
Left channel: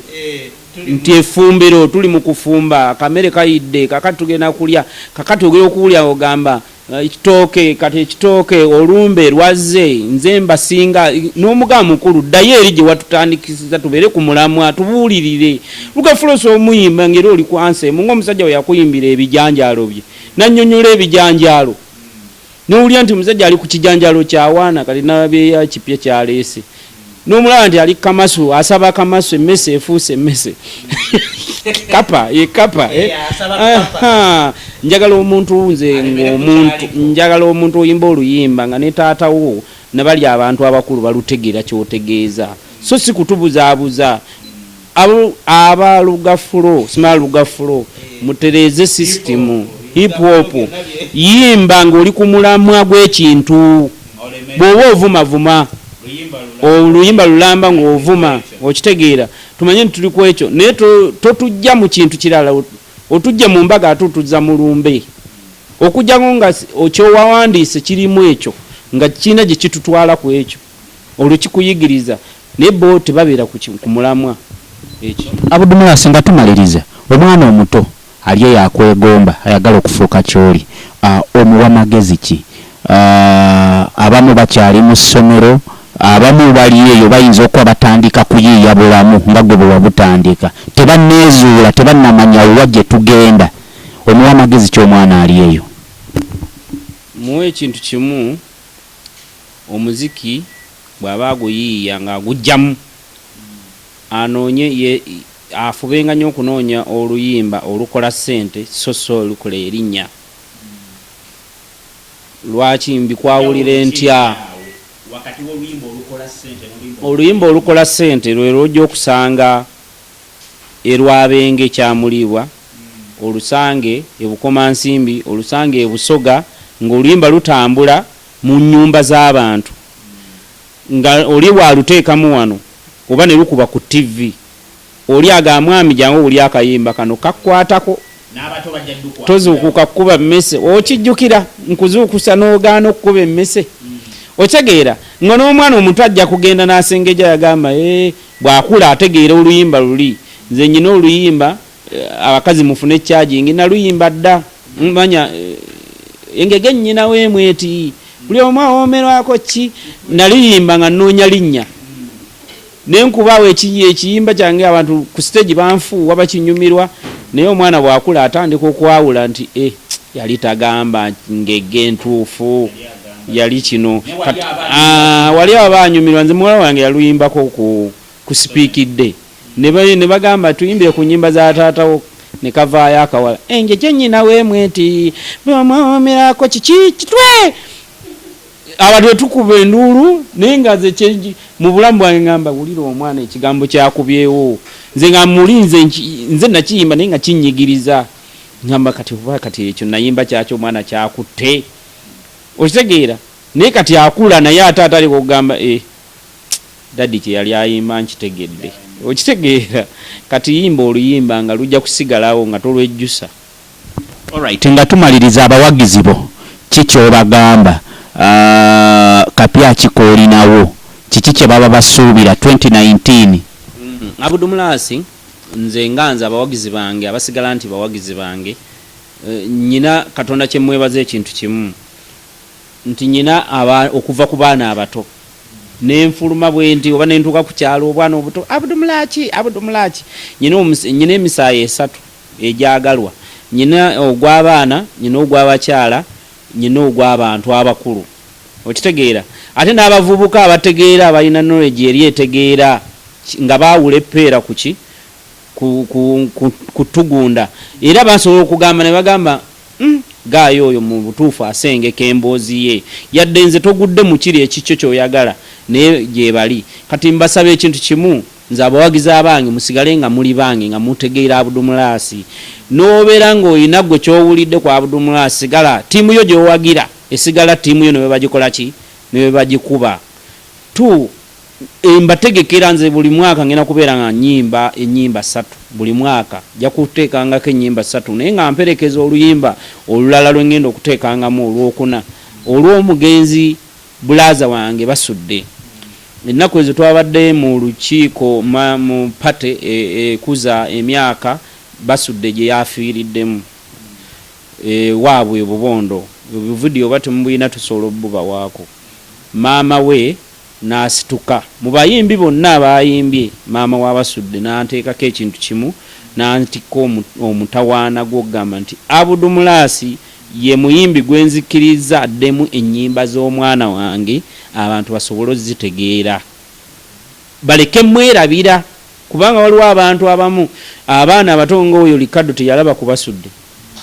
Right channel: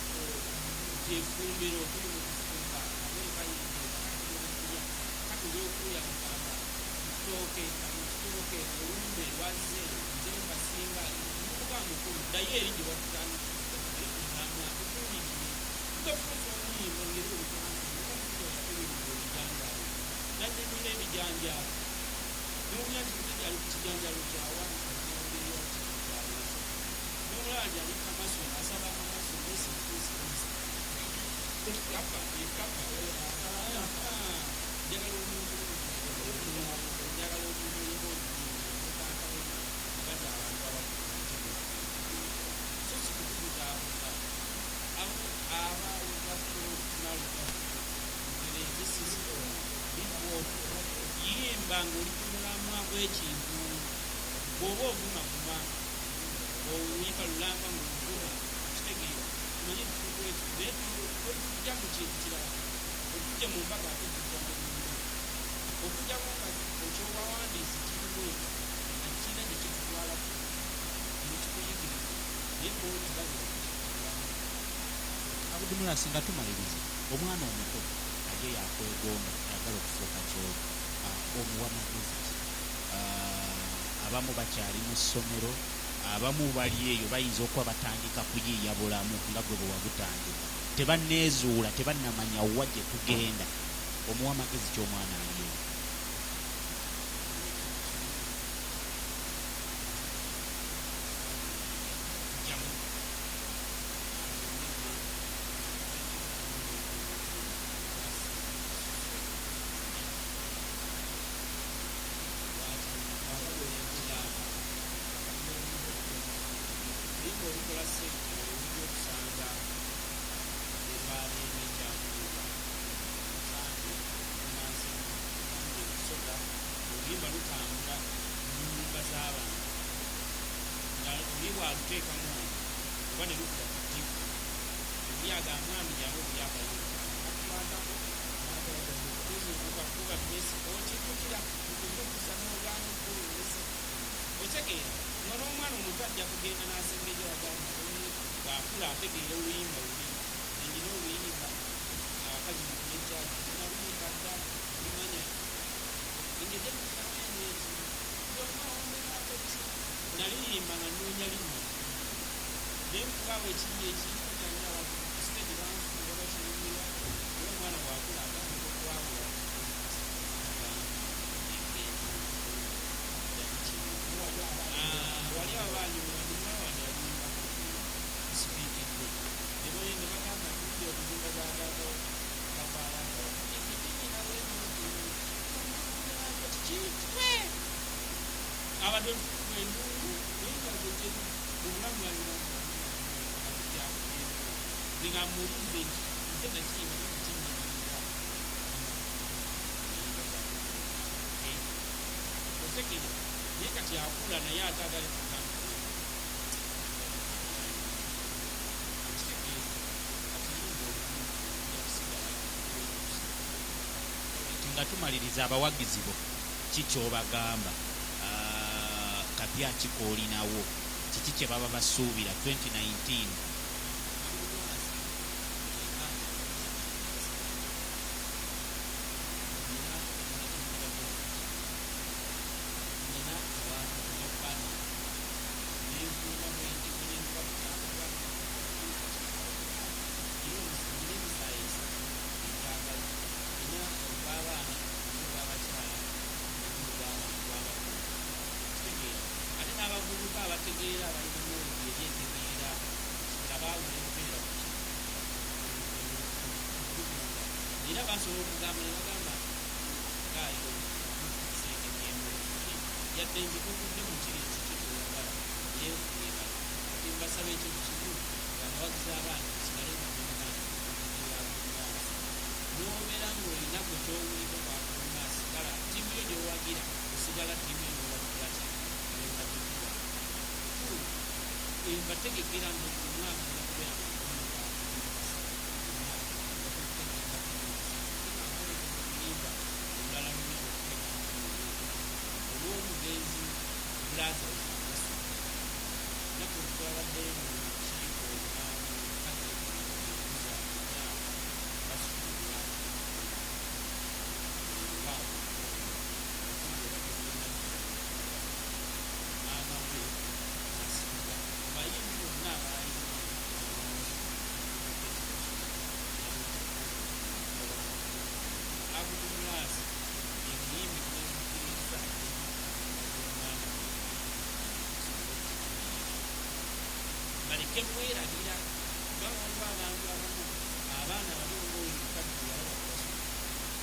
nti efumbiro tuli mu kufumba akamere kayidde kakati tugenda kulya kakati ogera okuwulya ogamba ekitooke kati ekitooke olumbe lwazze nze mbasinga n'omugamba mukulu ddayo eri gye watutandikisiza tubeere ku mulamwa tubuulirire lugafulosa omuyimba ngeri oli kwanse munga omusajja we yakuyimbira ebijanjaalo bye nannyonnyola ebijanjaalo n'owulya nti omusajja ali ku kijanjaalo kyawaana kati nabyeya kipya kyaleese n'omulaba nti ali kamasu asaba kamasu emmese efuuse emmese kapa njagala omuntu nze njagala omuntu oyimba oluyimba nga ne taatawo ne bali abantu abakulu balutegeera kyotegeeza so si kutubuzaabuza abalugafulo sima lugafulo mutereeze system hip hop yimba ng'oli ku mulamwa gw'ekintu bw'oba ovumavuma oluyimba lulamba ng'ovuma okitegeera tumanye nti tuli ku ekyo naye totujja mu kintu kirala otujja mu mbaga ate otuzza mu lumbe okujjango nga okyowawandiise kirimu ekyo nga kiina gye kitutwala ku ekyo olwo kikuyigiriza naye bo tebabeera ku mulamwa ekyo. Abudumula singa tumaliriza omwana omuto aliyo yakwegomba ayagala okufuuka kyoli omuwa magezi ki abamu bakyali mu ssomero abamu bali eyo bayinza okuba batandika kuyiiya bulamu nga gwe bwe wabutandika tebanneezuula tebannamanya wa gye tugenda omuwa magezi ky'omwana ali eyo muwe ekintu kimu omuziki bw'aba aguyiiya ng'agugjamu anoonye afubenga nnyo okunoonya oluyimba olukola ssente so olukola erinnya lwaki mbikwawulire ntya oluyimba olukola ssente lwe lwojja okusanga erwabenge kyamulibwa olusange ebukomansimbi olusange ebusoga ng'oluyimba lutambula mu nnyumba z'abantu nga oli bwaluteekamu wano oba ne lukuba ku TV oli aga mwami jangu oli akayimba kano kakkwatako n'abato bajja ddukwa tozuukuka kukuba mmese okijjukira nkuzuukusa n'ogaana okukuba emmese otegeera nga n'omwana omuntu ajja kugenda n'asengeja yagamba bw'akula ategeera oluyimba luli nze nyina oluyimba abakazi mufune ekyajingi naluyimba dda manya engege nnyina weemweti buli omu awoomerwako ki naluyimba nga nnoonya linnya nenkubaawo ekiyimba kyange abantu ku stage banfuuwa bakinyumirwa naye omwana bw'akula atandika okwawula nti yali tagamba ngege ntuufu yali kino wali abo banyumirwa nze muwala wange yaluyimbako ku sipiikidde ne bagamba tuyimbire ku nnyimba za taatawo ne kavaayo akawala engege nnyina weemweti bw'omwomerako kiki kitwe abantu tukuba enduulu naye nga ze mu bulamu bwange ngamba wulira omwana ekigambo kyakubyewo nze nga mulinze nze nakiyimba naye nga kinyigiriza ngamba kati ekyo nayimba kyakyo omwana kyakutte okitegeera naye kati akula naye ate atali kugamba daddi kye yali ayimba nkitegedde okitegeera kati yimba oluyimba nga lujja kusigalawo nga tolwejjusa. Alright, nga tumaliriza abawagizi bo kikyobagamba kapya kikoolinawo kiki kye baba basuubira 2019? Abudumulasi nze nganza abawagizi bange abasigala nti bawagizi bange nyina Katonda kye mwebaza ekintu kimu nti nyina okuva ku baana abato nenfuluma bwenti oba nentuuka ku kyalo obwana obuto abudumulaki nyina emisaayi 3 egyagalwa nyina ogw'abaana nyina ogw'abakyala nyina ogw'abantu abakulu okitegeera ate n'abavubuka abategeera abalina knowledge eri etegeera nga baawula eppeera kuki kutugunda era basobola okugamba ne bagamba gaayo oyo mu butuufu asengeka emboozi ye yadde nze togudde mu kiri ekikyo kyoyagala naye gye bali kati mbasaba ekintu kimu nze abawagizi abange musigale nga muli bange nga mutegeera Abudumulasi n'obeera ng'olina gwe kyowulidde ku Abudumulasi sigala ttiimu yo gy'owagira esigala ttiimu yo ne bwe bagikola ki ne bwe bagikuba mbategekera nze buli mwaka ngenda kubeera nga ennyimba 3 buli mwaka ja kuteekangako ennyimba 3 naye nga mperekeza oluyimba olulala lwe ngenda okuteekangamu olwokuna olw'omugenzi bulaza wange basudde ennaku ezo twabadde mu lukiiko mu pate ekuza emyaka basudde gye yafiiriddemu waabwe obubondo obuvidiyo bati mubuyina tusobola obubawaako maama we n'asituka mu bayimbi bonna abayimbye maama w'abasudde n'anteekako ekintu kimu n'antikka omutawaana gw'okugamba nti Abudumulasi ye muyimbi gwenzikiriza addemu ennyimba z'omwana wange abantu basobole ozitegeera baleke mwerabira kubanga waliwo abantu abamu abaana abato ng'oyo Likado teyalaba ku Basudde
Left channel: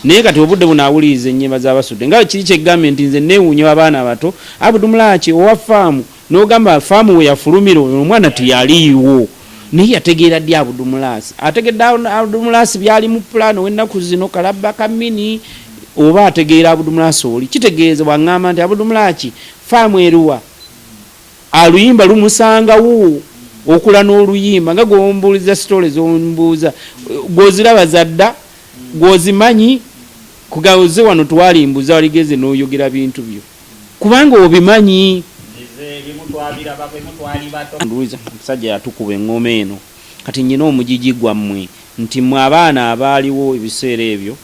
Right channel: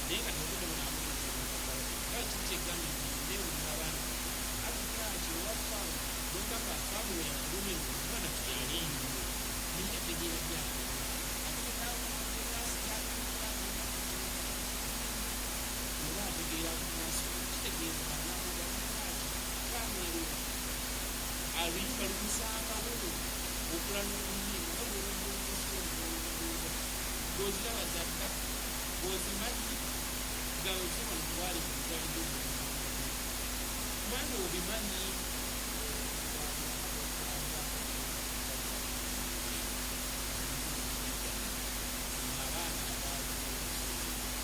naye kati obudde bunaawuliriza ennyimba z'Abasudde nga kiri kyegambye nti nze neewuunya abaana abato Abudumulaki owa faamu n'ogamba faamu we yafulumira omwana teyaliiwo naye yategeera ddi Abudumulasi ategedde Abudumulasi byali mu pulaano w'ennaku zino kalabba kamini oba ategeera Abudumulasi oli kitegeeza bw'aŋŋamba nti Abudumulaki faamu eruwa aluyimba lumusangawo okula n'oluyimba nga gw'ombuuliza sitole z'ombuuza gw'oziraba zadda gw'ozimanyi kugaoze wano twalimbuza waligeze n'oyogera bintu byo kubanga obimanyi musajja yatukuba eŋŋoma eno kati nyina omugigi gwammwe nti mwe abaana abaaliwo ebiseera ebyo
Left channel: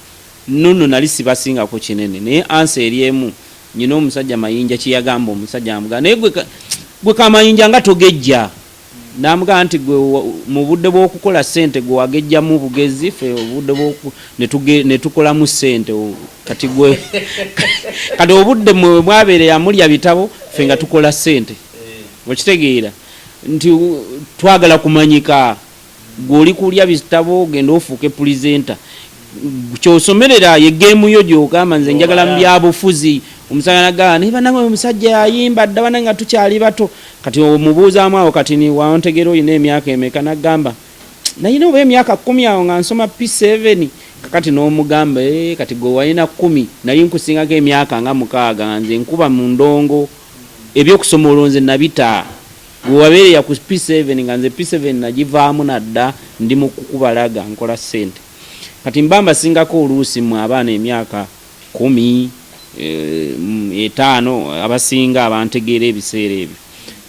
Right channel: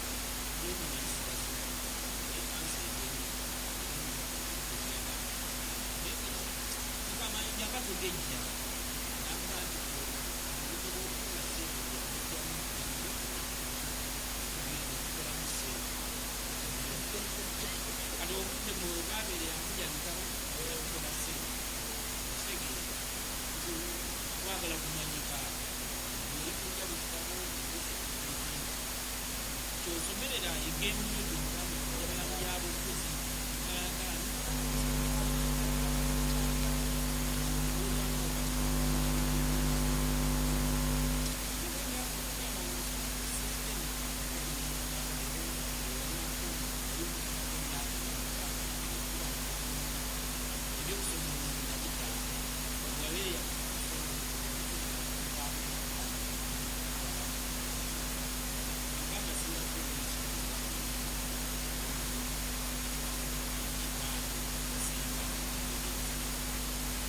nno nali sibasingako kinene naye ansa eri emu nyina omusajja Mayinja kiyagamba omusajja amugamba naye gwe Kamayinja nga togejja namugamba nti gwe mu budde bw'okukola ssente gwe wagejjamu bugezi ffe obudde ne tukolamu ssente kati gwe kati obudde mwabeere yamulya bitabo ffe nga tukola ssente okitegeera nti twagala kumanyika gw'oli kulya bitabo genda ofuuke pulizenta kyosomerera ye geemu yo gy'ogamba nze njagala mu byabufuzi omusajja nagamba naye banange omusajja yayimba dda banange nga tukyali bato kati omubuuzaamu awo kati ni wantegera oyina emyaka emeka nagamba nayina oba emyaka 10 awo nga nsoma P7 kakati n'omugamba kati gwe walina 10 nali nkusingako emyaka nga 6 nze nkuba mu ndongo ebyokusoma olonze nabita gwe wabeere ya ku P7 nga nze P7 nagivaamu nadda ndi mu kukubalaga nkola ssente kati mbamba singako oluusi mu abaana emyaka 10 5 abasinga abantegeera ebiseera ebyo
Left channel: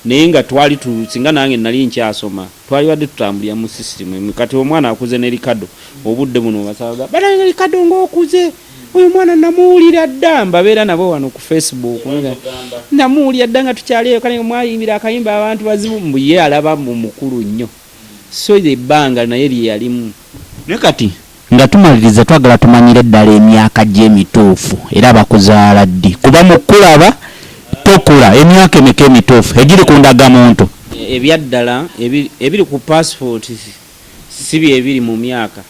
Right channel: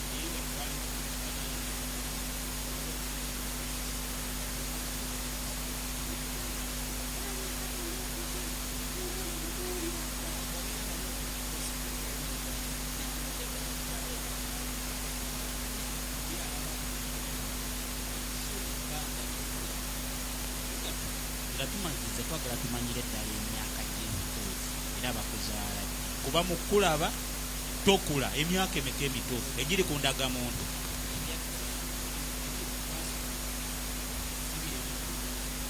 naye nga twali singa nange nali nkyasoma twali wadde tutambulira mu system kati omwana akuze ne Ricardo obudde buno basaga bana Ricardo ng'okuze oyo mwana namuwulira dda mbabeera nabo wano ku Facebook namuwulira dda nga tukyaliyo kale mwayimbira akayimba abantu bazibu mbuye alaba mukulu nnyo so ebbanga naye lyalimu ne kati nga tumaliriza twagala tumanyire ddala emyaka gy'emituufu era abakuzaala ddi kuba mu kulaba tokula emyaka emeka emituufu egiri ku ndagamuntu ebyaddala ebiri ku passport si bye ebiri mu myaka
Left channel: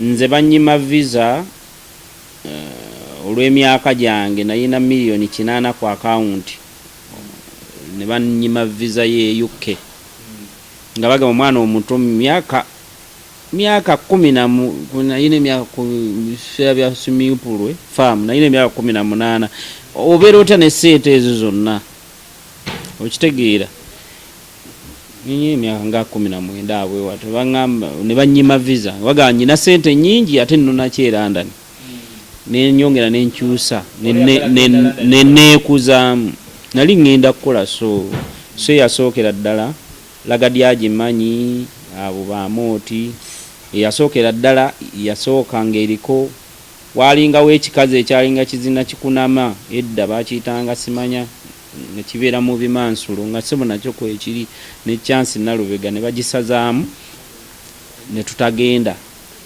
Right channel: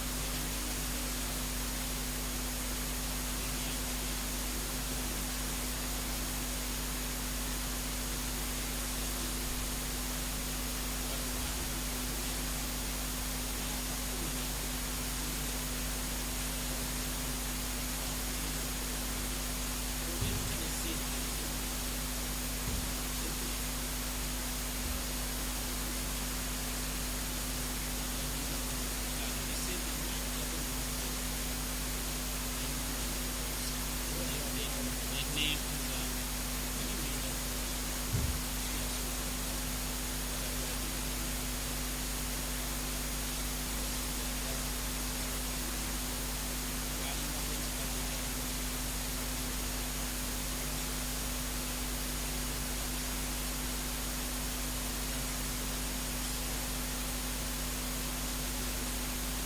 nze banyima visa olw'emyaka gyange nayina $8,000,000 ku account ne banyima visa ye UK nga baga omwana omuto myaka 10 nayina emyaka bya swimming pool farm nayina emyaka 18 obeera otya ne sente ezo zonna okitegeera nyinyi emyaka nga 19 abwe watu bangamba ne banyima visa waga nyina sente nyingi ate nno nakyeranda ne nyongera ne nkyusa ne neekuzaamu nali ngenda kukola so yasookera ddala lagadi agimanyi abo bamoti yasookera ddala yasookanga eriko walingawo ekikazi ekyalinga kizina kikunama edda bakiyitanga simanya ne kibeera mu bimansulo nga sebo nakyo kwekiri ne chance nalubega ne bagisazaamu ne tutagenda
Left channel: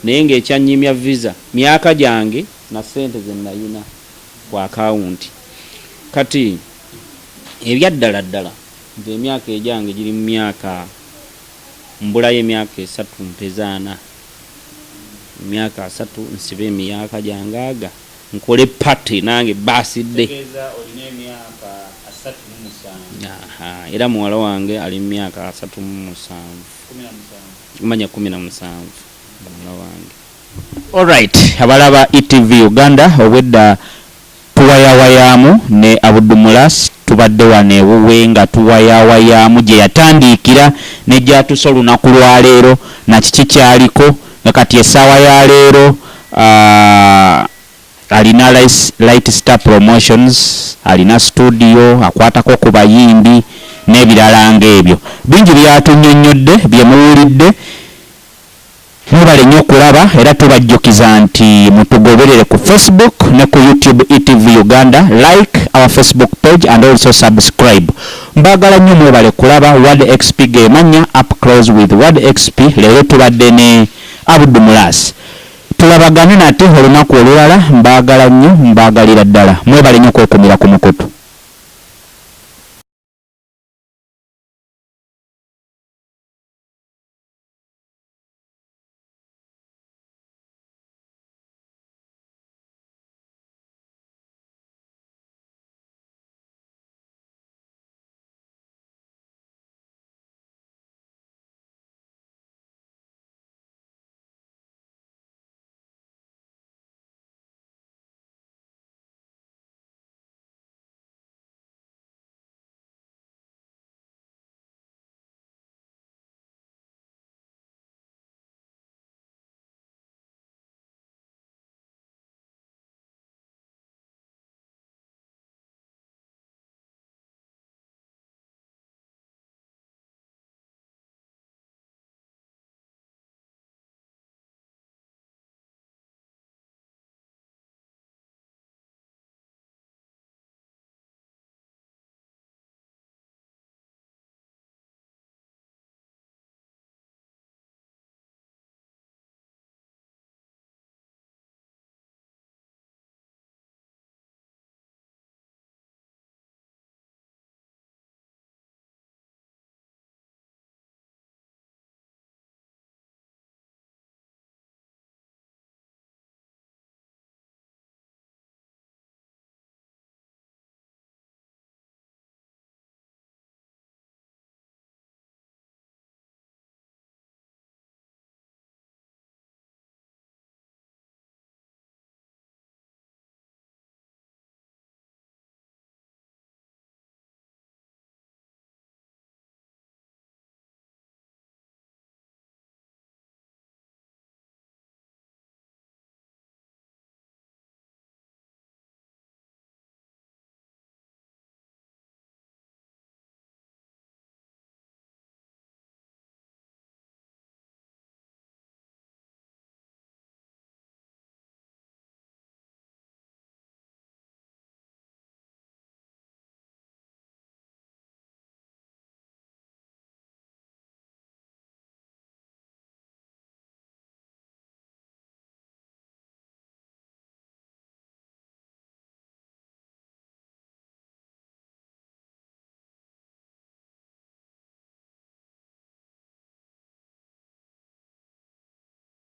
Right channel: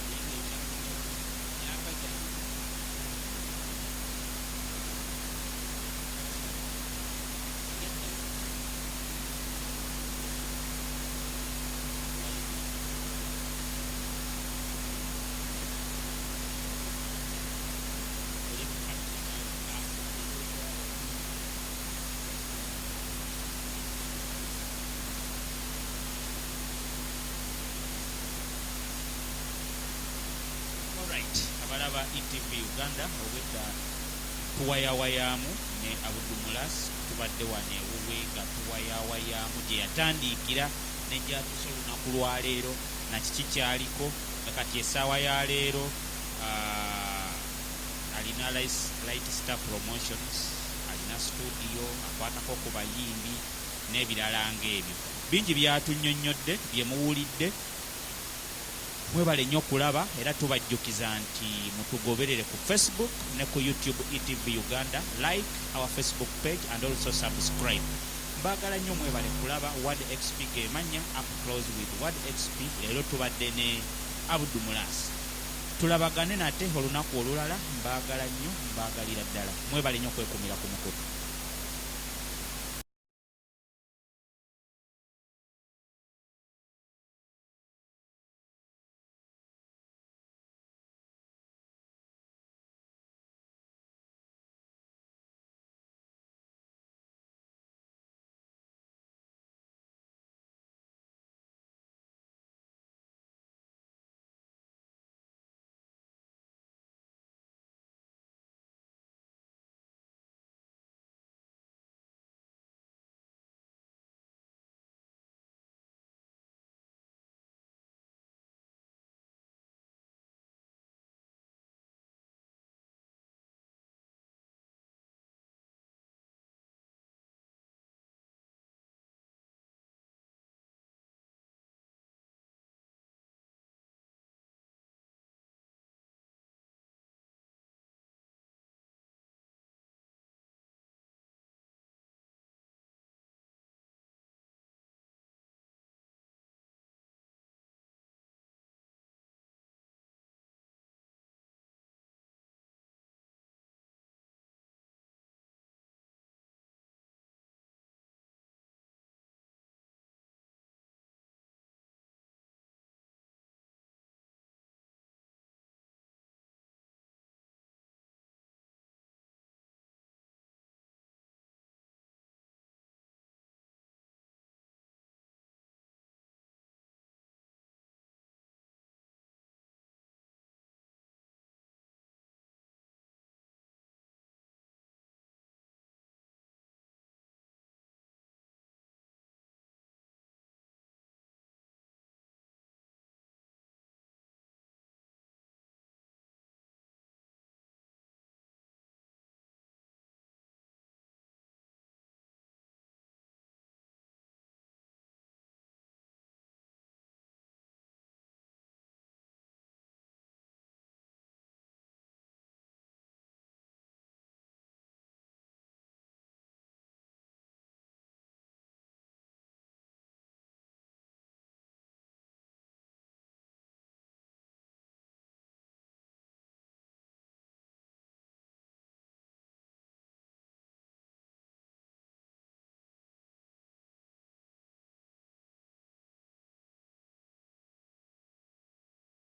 naye ng'ekyanyimya visa myaka gyange na sente ze nayina ku akawunti kati ebyaddala ddala nze emyaka egyange giri mu myaka mbulayo emyaka 3 mpezaana emyaka 3 nsibe emyaka gyange nkole party nange basidde era muwala wange ali mu myaka 37 manya 17 muwala wange. Alright, abalaba ETV Uganda obwedda tuwayawayamu ne Abudumulas tubadde wane wuwe nga tuwayawayamu gye yatandikira ne gyatusa olunaku lwa leero na kiki kyaliko nga kati essaawa ya leero alina Light Star Promotions alina studio akwatako ku bayimbi n'ebirala ng'ebyo bingi byatunyonnyodde bye muwulidde. Mubale nnyo okulaba era tubajjukiza nti mutugoberere ku Facebook ne ku YouTube ETV Uganda. Like our Facebook page and also subscribe. Mbagala nnyo mwebale kulaba Word XP gemanya up close with Word XP. Leero tubadde ne Abudumulas tulabagane nate olunaku olulala. Mbagala nnyo mbagalira ddala mwebale nnyo okwekumira ku mukutu.